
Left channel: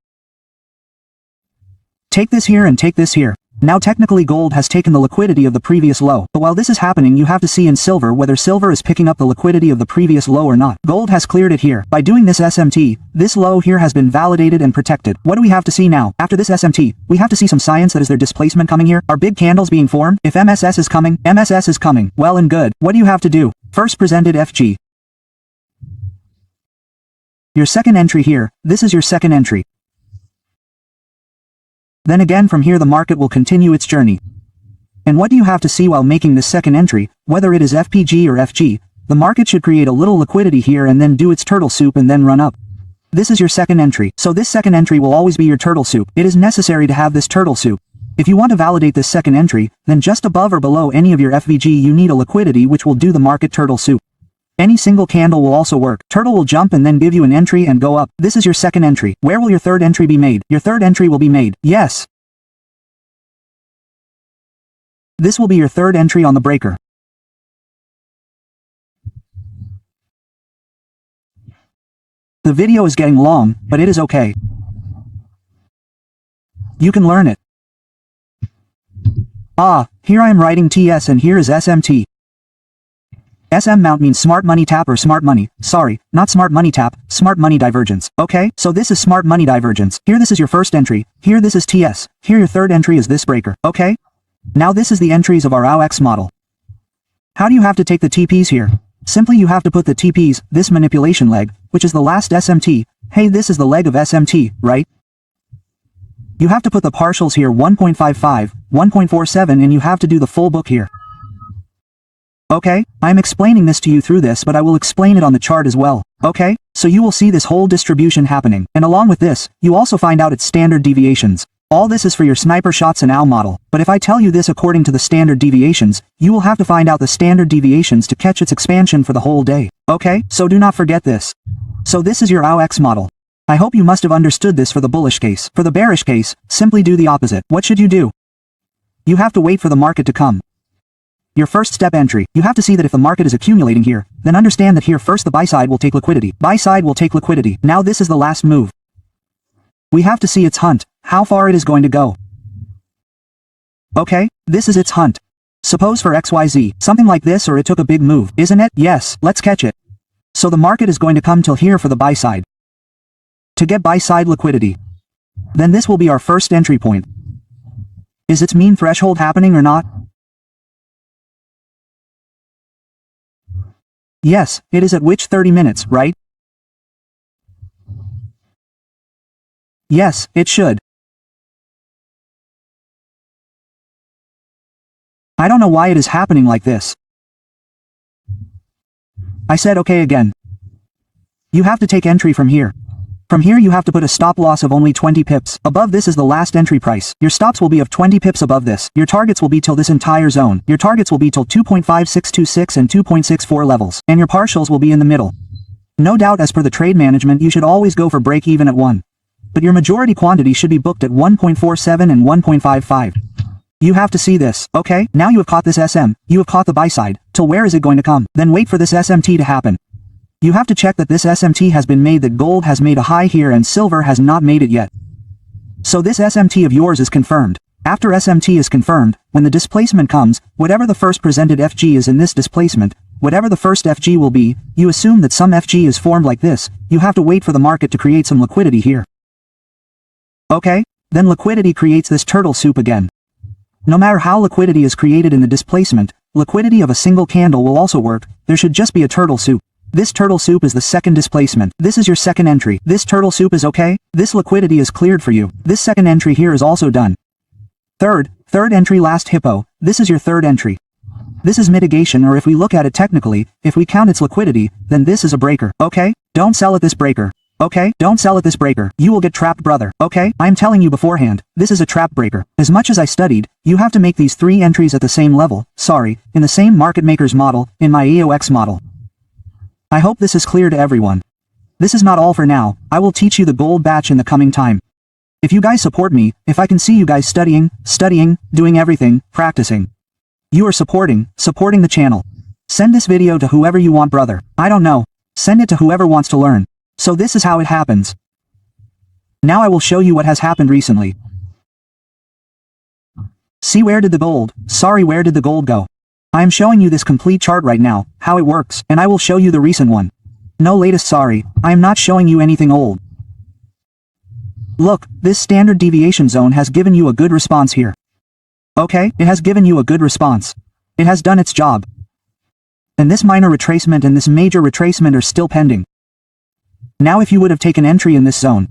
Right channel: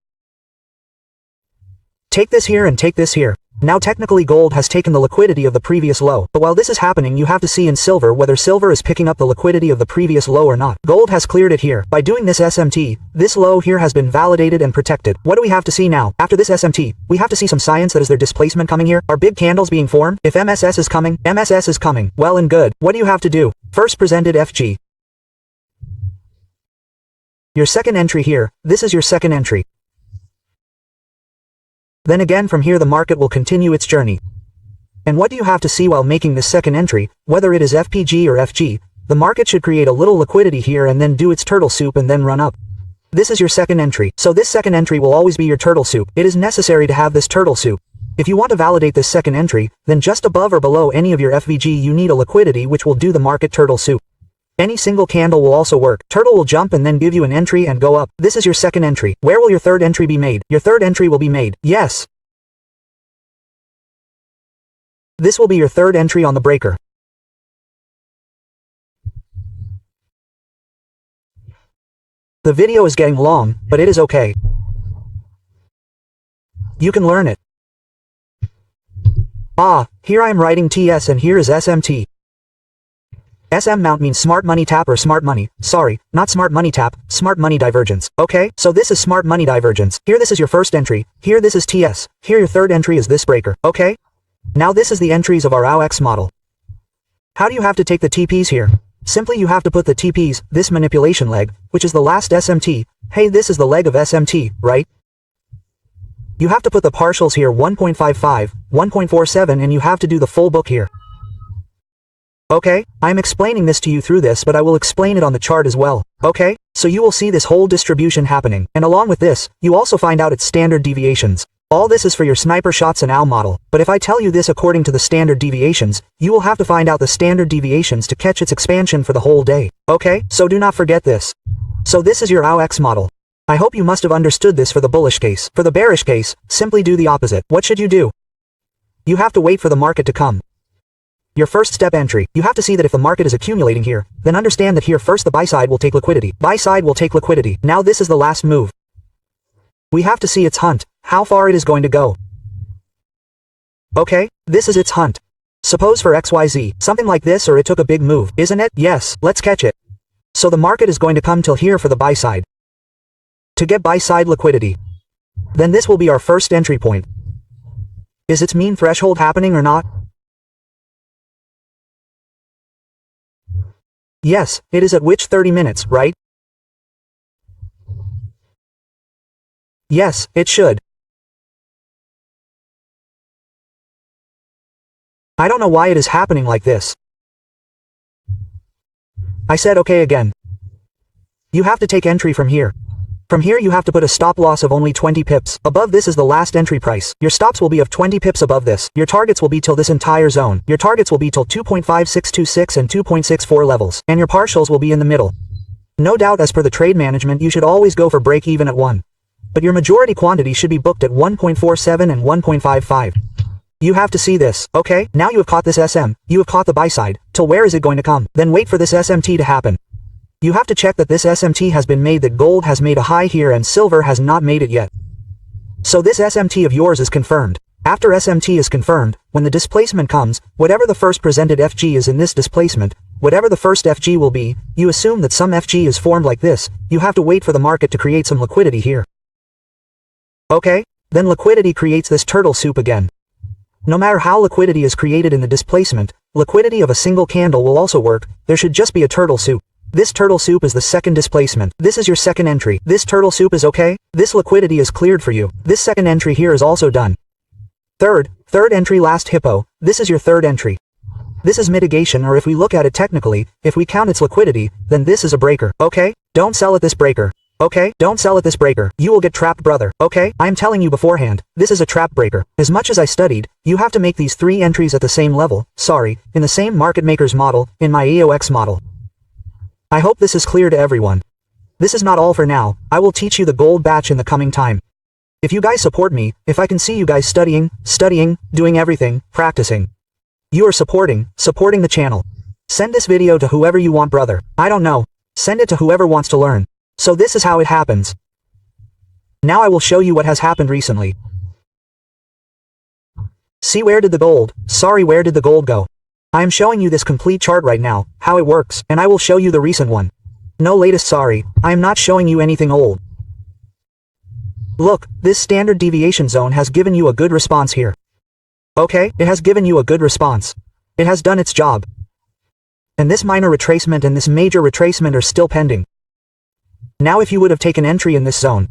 Take this here and take this here. Now technically gold has taken the liquidity of the previous low, but while this is happening you have to see in silver whether silver is picking up the liquidity of the previous low or not. Gold has cleared it here. By doing this SMT, this low here has been validated and protected. What do we have to see now? After this SMT, we have to see some science that is there displacement coming here. Are big candles being formed? If MSS is coming, MSS is coming. Well and good. What do you have to do? First presented FG. Your second entry here, this is your second entry. Then again from here the market will continue its journey. And what do you have to see while making this second entry, whether it is FPG or FG, the market should create a little liquidity here and then do its turtle soup and then run up. This is your second entry, so this second entry will always be your turtle soup. It is necessary to have this turtle soup. If you want to validate this second entry, then just above or below any of your FVG you need a liquidity which will do the market turtle soup. Any single candle will also work. Turtle will jump and then give you an entry and go up. This is your second entry. Where will your third entry be made? Your third entry will be made. Yes. This will be your third entry on the breaker. The video is getting long, but it is okay. You can learn it. Ah, here I am writing TS and here is SMT. SM mount means smart money tap or smart money. Sorry, not smart money tap, smart money divergence. Okay, so this is smart money divergence. Here this is your first entry. Here this is TS. Here your third entry is this breaker. Okay? Now this is the entries of our AUX model. How do you have to take the TPs here? Simply you have to put the TPs, this manipulation leg, which is the last SMT. Hey, this is the leg of SMT, right? You have to put the partials here 1.55, 1.47 and you have to do the full book here. Okay, I'm explaining this to you through this but I will explain it on the chart as well. Okay, so you will see this whole distribution happening, and along with this, you also find out its standard deviations. All this is for your sniper shots and OW model, but if I tell you this according to the standard deviations, you will have to find out the standard deviations to catch its expansion for the whole day. Okay, so do not forget this. So this is your AUX model. I hope you must have understood this for the bullish case. For the bearish case, simply do the opposite. What should you do? You have to wait for the market to come. Your first step entry, you have to see that if the market is accumulating here, then understand that here first the buy side will take liquidity. Buy side will take liquidity. Now this is the last move. We have to see its hunt, how far it is going to go. Okay, this is its hunt. Suppose for XYZ, something like this or it took a big move, isn't it? Yes, let's catch it. So the market is going to come till here for the buy side. To get buy side liquidity. Then this will be our first entry point. Is its mean threshold happening or not? Yes, it is at which 30 minutes, right? Yes, it should. I don't know why it is happening like this. I said okay again. You have to take entry from here. From here you have to put a stop loss of only 20 pips. Above this is the last entry price. Your stops will be of 20 pips above this. Your targets will be till this entire zone. Your targets will be till 2.5626 and 2.64 levels. And your partials will be in the middle. No doubt as per the trade management you should always go for break even at 1. But your majority quantity should be booked at 1.47 and 1.55. You have to see this, okay? Now you have caught this SM, you have caught the buy side, till where is it going to come? Then wait for this SMT to happen. You have to check that this SMT has been made, that gold has made a high here and silver has not made it yet. So this SMT of yours is confirmed. After SMT is confirmed, when the displacement comes, whatever the first presented FG is in this displacement, whatever the first FG will be, you assume that some FG is formed like this, you have to wait for the market to create some liquidity here. Okay? Then liquidity creates this turtle soup again. No matter how liquidity is created in the displacement, liquidity of a single candle will also work, there should just be a turtle soup. This turtle soup is the second displacement. This is your second entry. This turtle soup is okay. This liquidity is cleared for you. This second entry here is also done. Third entry last hippo. This is your third entry. This is mitigation, or if we look at it technically, if we count its liquidity, then this is a breaker. Okay? Don't sell at this breaker. Okay? Don't sell at this breaker. You will get trapped, brother. Okay? I am telling you beforehand, this is a trap breaker. As much as I studied, you have to make these 3 entries at the same level. Sorry, in the same market maker's model, in my AUX model. I hope this is clear to everyone. This is not all for now, I will teach you the gold batch in the coming time. If you guys support me, if I can see you guys studying, doing everything, practicing. You are supporting the channel. Send this video to whoever you want, brother. I don't know. Send it to whoever wants to learn. So this is how it happens. Now I will show you what has happened recently. See, where did the gold go? I am showing you this complete chart right now, how it works, and I will show you the recent one. No latest, sorry, I am not showing you anything old. Look, this standard deviation zone has given you a good response here. Okay, it has given you a good response. It has done its job. And this minor retracement and this major retracement are still pending. Now if you would have taken entry in this zone.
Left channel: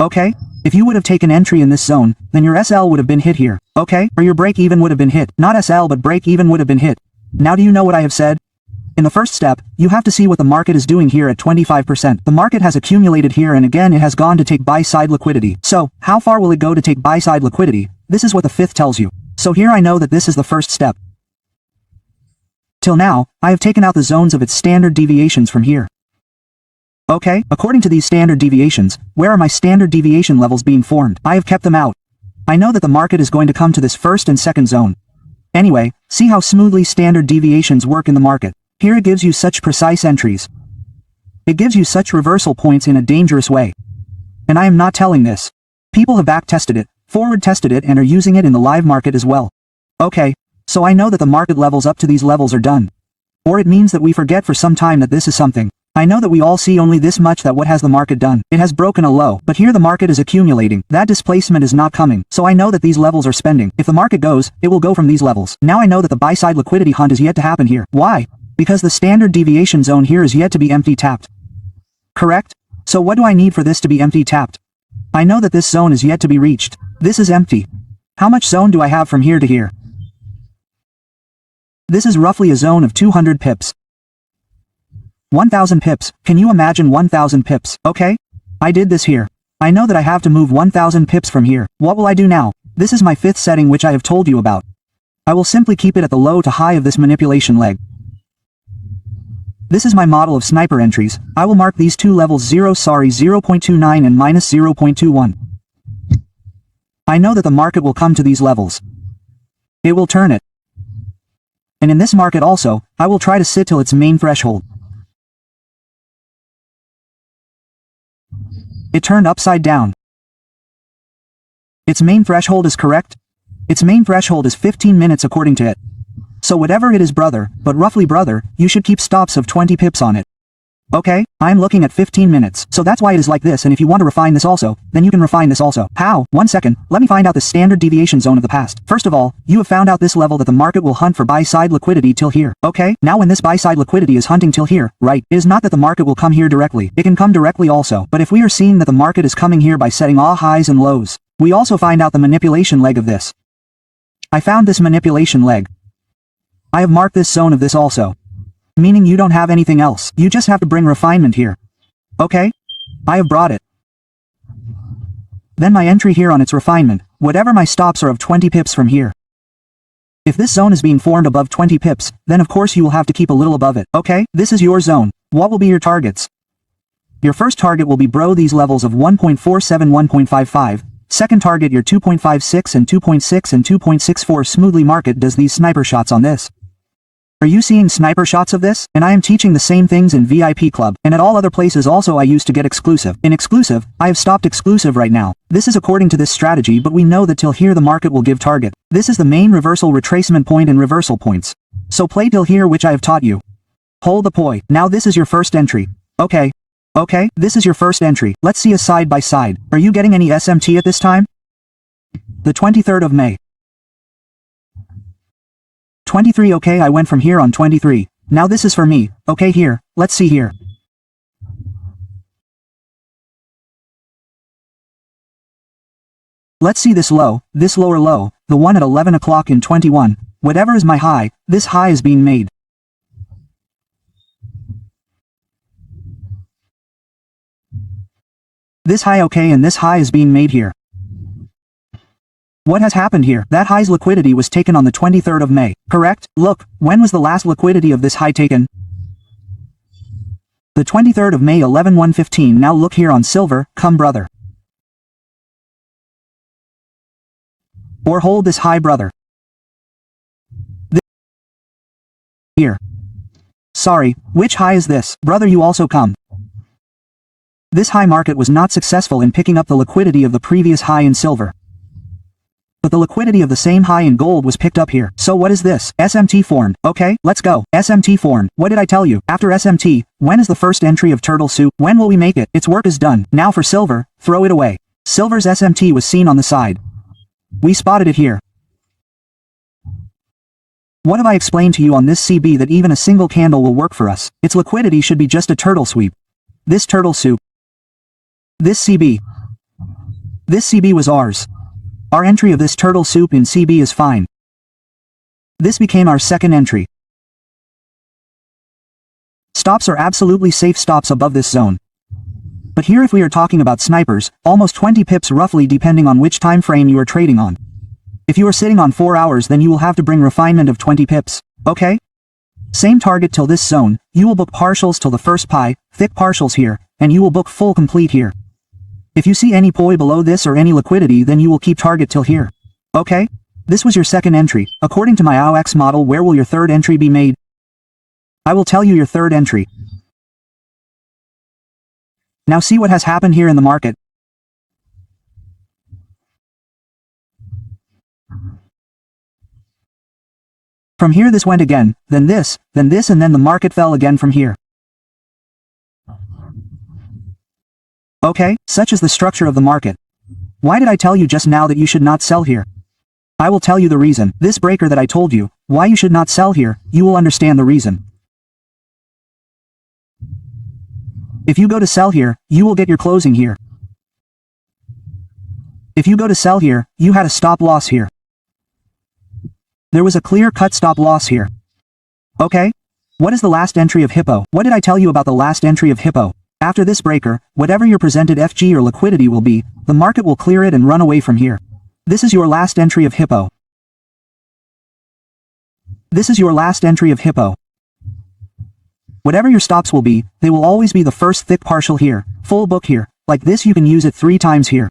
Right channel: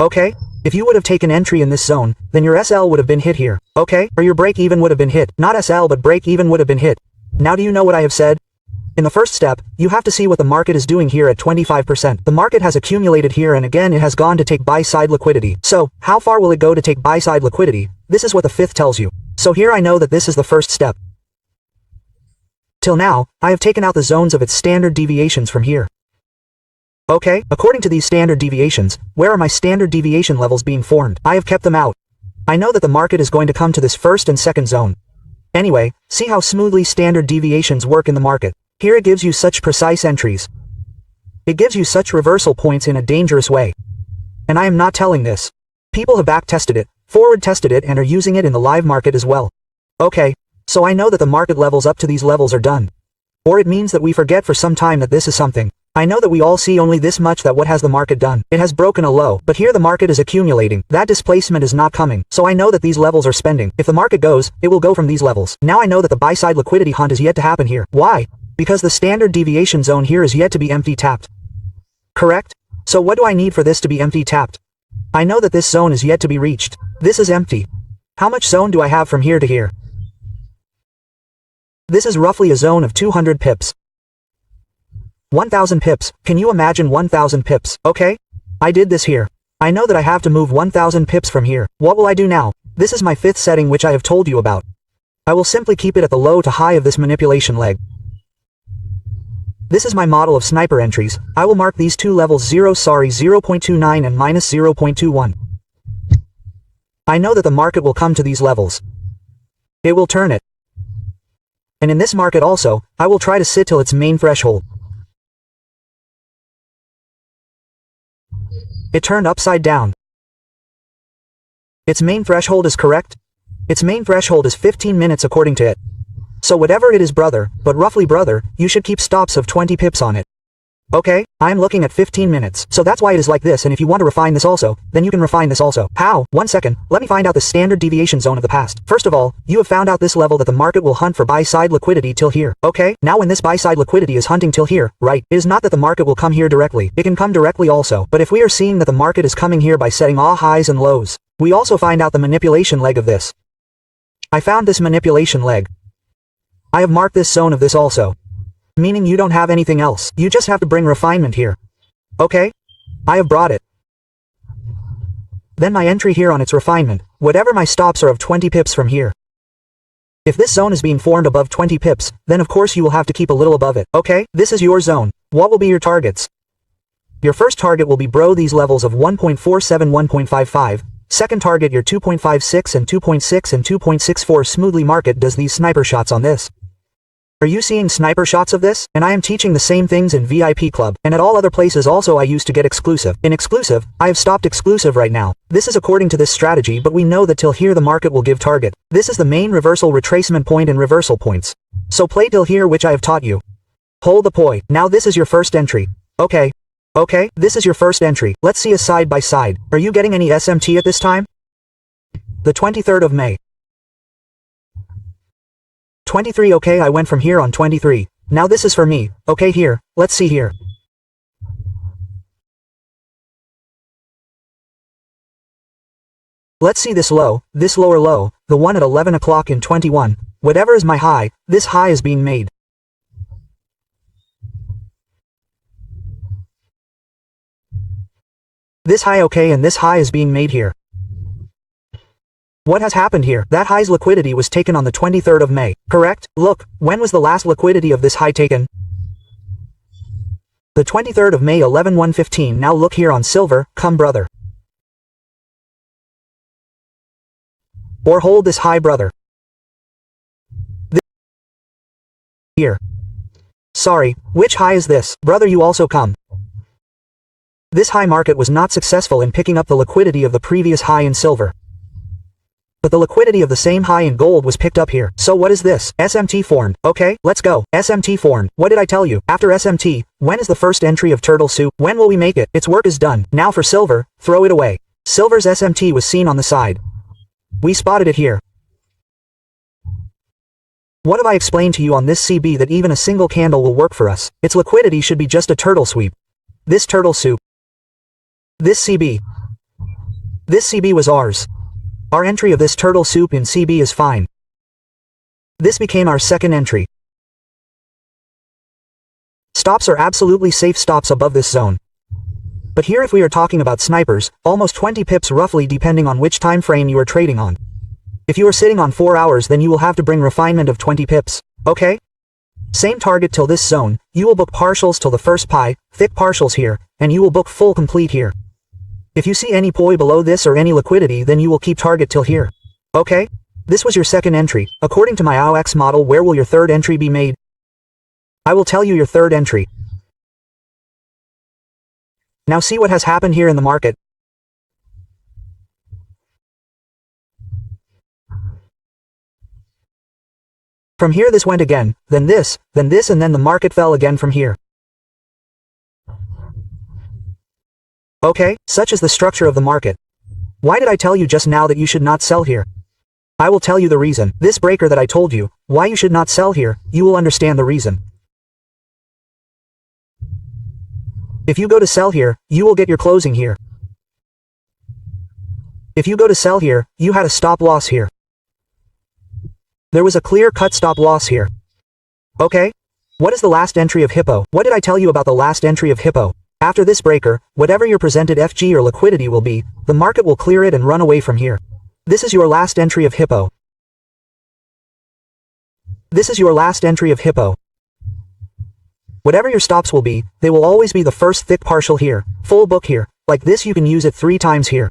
Okay? If you would have taken entry in this zone, then your SL would have been hit here, okay? Or your break even would have been hit. Not SL, but break even would have been hit. Now do you know what I have said? In the first step, you have to see what the market is doing here at 25%. The market has accumulated here and again it has gone to take buy side liquidity. So, how far will it go to take buy side liquidity? This is what the fifth tells you. So here I know that this is the first step. Till now, I have taken out the zones of its standard deviations from here. Okay, according to these standard deviations, where are my standard deviation levels being formed? I have kept them out. I know that the market is going to come to this first and second zone. Anyway, see how smoothly standard deviations work in the market. Here it gives you such precise entries. It gives you such reversal points in a dangerous way. And I am not telling this. People have back tested it, forward tested it and are using it in the live market as well. Okay, so I know that the market levels up to these levels are done. Or it means that we forget for some time that this is something. I know that we all see only this much, that what has the market done? It has broken a low, but here the market is accumulating. That displacement is not coming, so I know that these levels are spending. If the market goes, it will go from these levels. Now I know that the buy-side liquidity hunt is yet to happen here. Why? Because the standard deviation zone here is yet to be empty tapped. Correct? So what do I need for this to be empty tapped? I know that this zone is yet to be reached. This is empty. How much zone do I have from here to here? This is roughly a zone of 200 pips. 1000 pips. Can you imagine 1000 pips? Okay? I did this here. I know that I have to move 1000 pips from here. What will I do now? This is my fifth setting which I have told you about. I will simply keep it at the low to high of this manipulation leg. This is my model of sniper entries. I will mark these two levels 0.29 and minus 0.21. I know that the market will come to these levels. It will turn it. And in this market also, I will try to sit till its main threshold. It turned upside down. Its main threshold is correct? Its main threshold is 15 minutes according to it. So whatever it is, brother, but roughly, brother, you should keep stops of 20 pips on it. Okay, I'm looking at 15 minutes, so that's why it is like this, and if you want to refine this also, then you can refine this also. How? 1 second, let me find out the standard deviation zone of the past. First of all, you have found out this level that the market will hunt for buy-side liquidity till here. Okay, now when this buy-side liquidity is hunting till here, right, it is not that the market will come here directly. It can come directly also, but if we are seeing that the market is coming here by setting all highs and lows, we also find out the manipulation leg of this. I found this manipulation leg. I have marked this zone of this also. Meaning you don't have anything else. You just have to bring refinement here. Okay? I have brought it. Then my entry here on its refinement, whatever my stops are of 20 pips from here. If this zone is being formed above 20 pips, then of course you will have to keep a little above it. Okay? This is your zone. What will be your targets? Your first target will be these levels of 1.47, 1.55. Second target your 2.56 and 2.6 and 2.64. Smoothly market does these sniper shots on this. Are you seeing sniper shots of this? And I am teaching the same things in VIP Club, and at all other places also I used to get exclusive. In exclusive, I have stopped exclusive right now. This is according to this strategy, but we know that till here the market will give target. This is the main reversal retracement point and reversal points. So play till here, which I have taught you. Hold the poi. Now this is your first entry. Okay. Okay, this is your first entry. Let's see a side by side. Are you getting any SMT at this time? The 23rd of May. 23. Okay, I went from here on 23. Now this is for me. Okay, here, let's see here. Let's see this low, this lower low, the one at 11 o'clock in 21. Whatever is my high, this high is being made. This high, okay, and this high is being made here. What has happened here? That high's liquidity was taken on the 23rd of May, correct? Look, when was the last liquidity of this high taken? The 23rd of May 11/115. Now look here on silver, come brother. Or hold this high, brother. This here. Sorry, which high is this? Brother, you also come. This high market was not successful in picking up the liquidity of the previous high in silver. But the liquidity of the same high in gold was picked up here. So what is this? SMT formed. Okay, let's go. SMT formed. What did I tell you? After SMT, when is the first entry of turtle soup? When will we make it? Its work is done. Now for silver, throw it away. Silver's SMT was seen on the side. We spotted it here. What have I explained to you on this CB that even a single candle will work for us? Its liquidity should be just a turtle sweep. This turtle soup. This CB. This CB was ours. Our entry of this turtle soup in CB is fine. This became our second entry. Stops are absolutely safe stops above this zone. But here if we are talking about snipers, almost 20 pips roughly depending on which time frame you are trading on. If you are sitting on 4 hours then you will have to bring refinement of 20 pips. Okay? Same target till this zone, you will book partials till the first pie, thick partials here, and you will book full complete here. If you see any poi below this or any liquidity then you will keep target till here. Okay? This was your second entry. According to my AOX model, where will your third entry be made? I will tell you your third entry. Now see what has happened here in the market. From here this went again, then this, and then the market fell again from here. Okay, such is the structure of the market. Why did I tell you just now that you should not sell here? I will tell you the reason. This breaker that I told you, why you should not sell here, you will understand the reason. If you go to sell here, you will get your closing here. If you go to sell here, you had a stop loss here. There was a clear-cut stop loss here. Okay? What is the last entry of Hippo? What did I tell you about the last entry of Hippo? After this breaker, whatever your presented FG or liquidity will be, the market will clear it and run away from here. This is your last entry of Hippo. This is your last entry of Hippo. Whatever your stops will be, they will always be the first thick partial here, full book here, like this. You can use it 3 times here.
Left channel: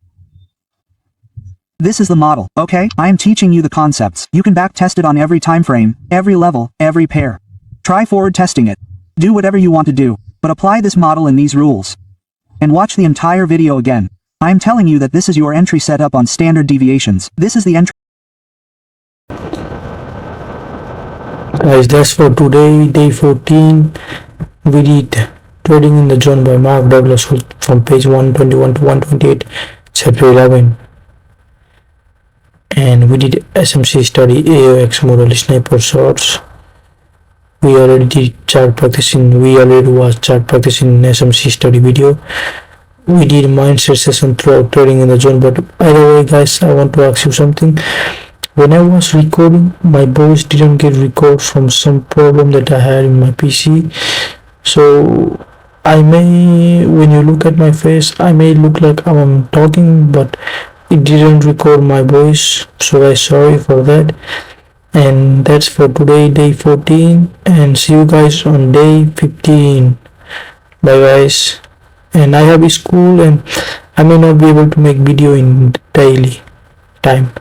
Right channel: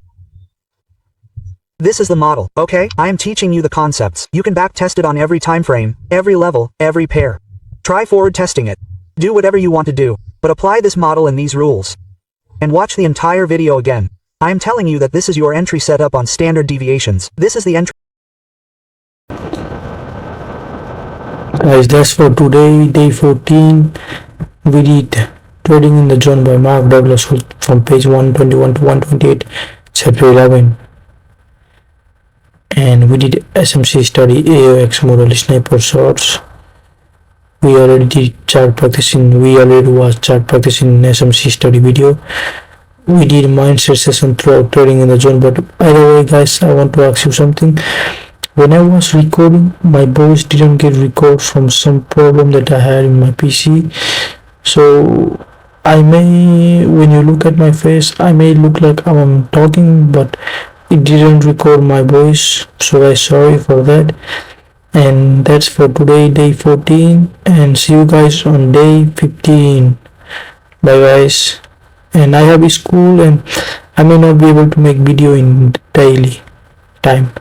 This is the model, okay? I am teaching you the concepts. You can back test it on every time frame, every level, every pair. Try forward testing it. Do whatever you want to do, but apply this model and these rules. And watch the entire video again. I am telling you that this is your entry setup on standard deviations. This is the entry. Guys, that's for today, day 14. We did Trading in the Zone by Mark Douglas from page 121 to 128, chapter 11. And we did SMC study, AOX model, sniper shots. We already did chart practicing. We already watched chart practicing in SMC study video. We did mindset session throughout Trading in the Zone. But by the way, guys, I want to ask you something. When I was recording, my voice didn't get record from some problem that I had in my PC. So I may, when you look at my face, I may look like I'm talking, but it didn't record my voice. So I'm sorry for that. And that's for today, day 14. And see you guys on day 15. Bye guys. And I have a school and I may not be able to make video in daily time.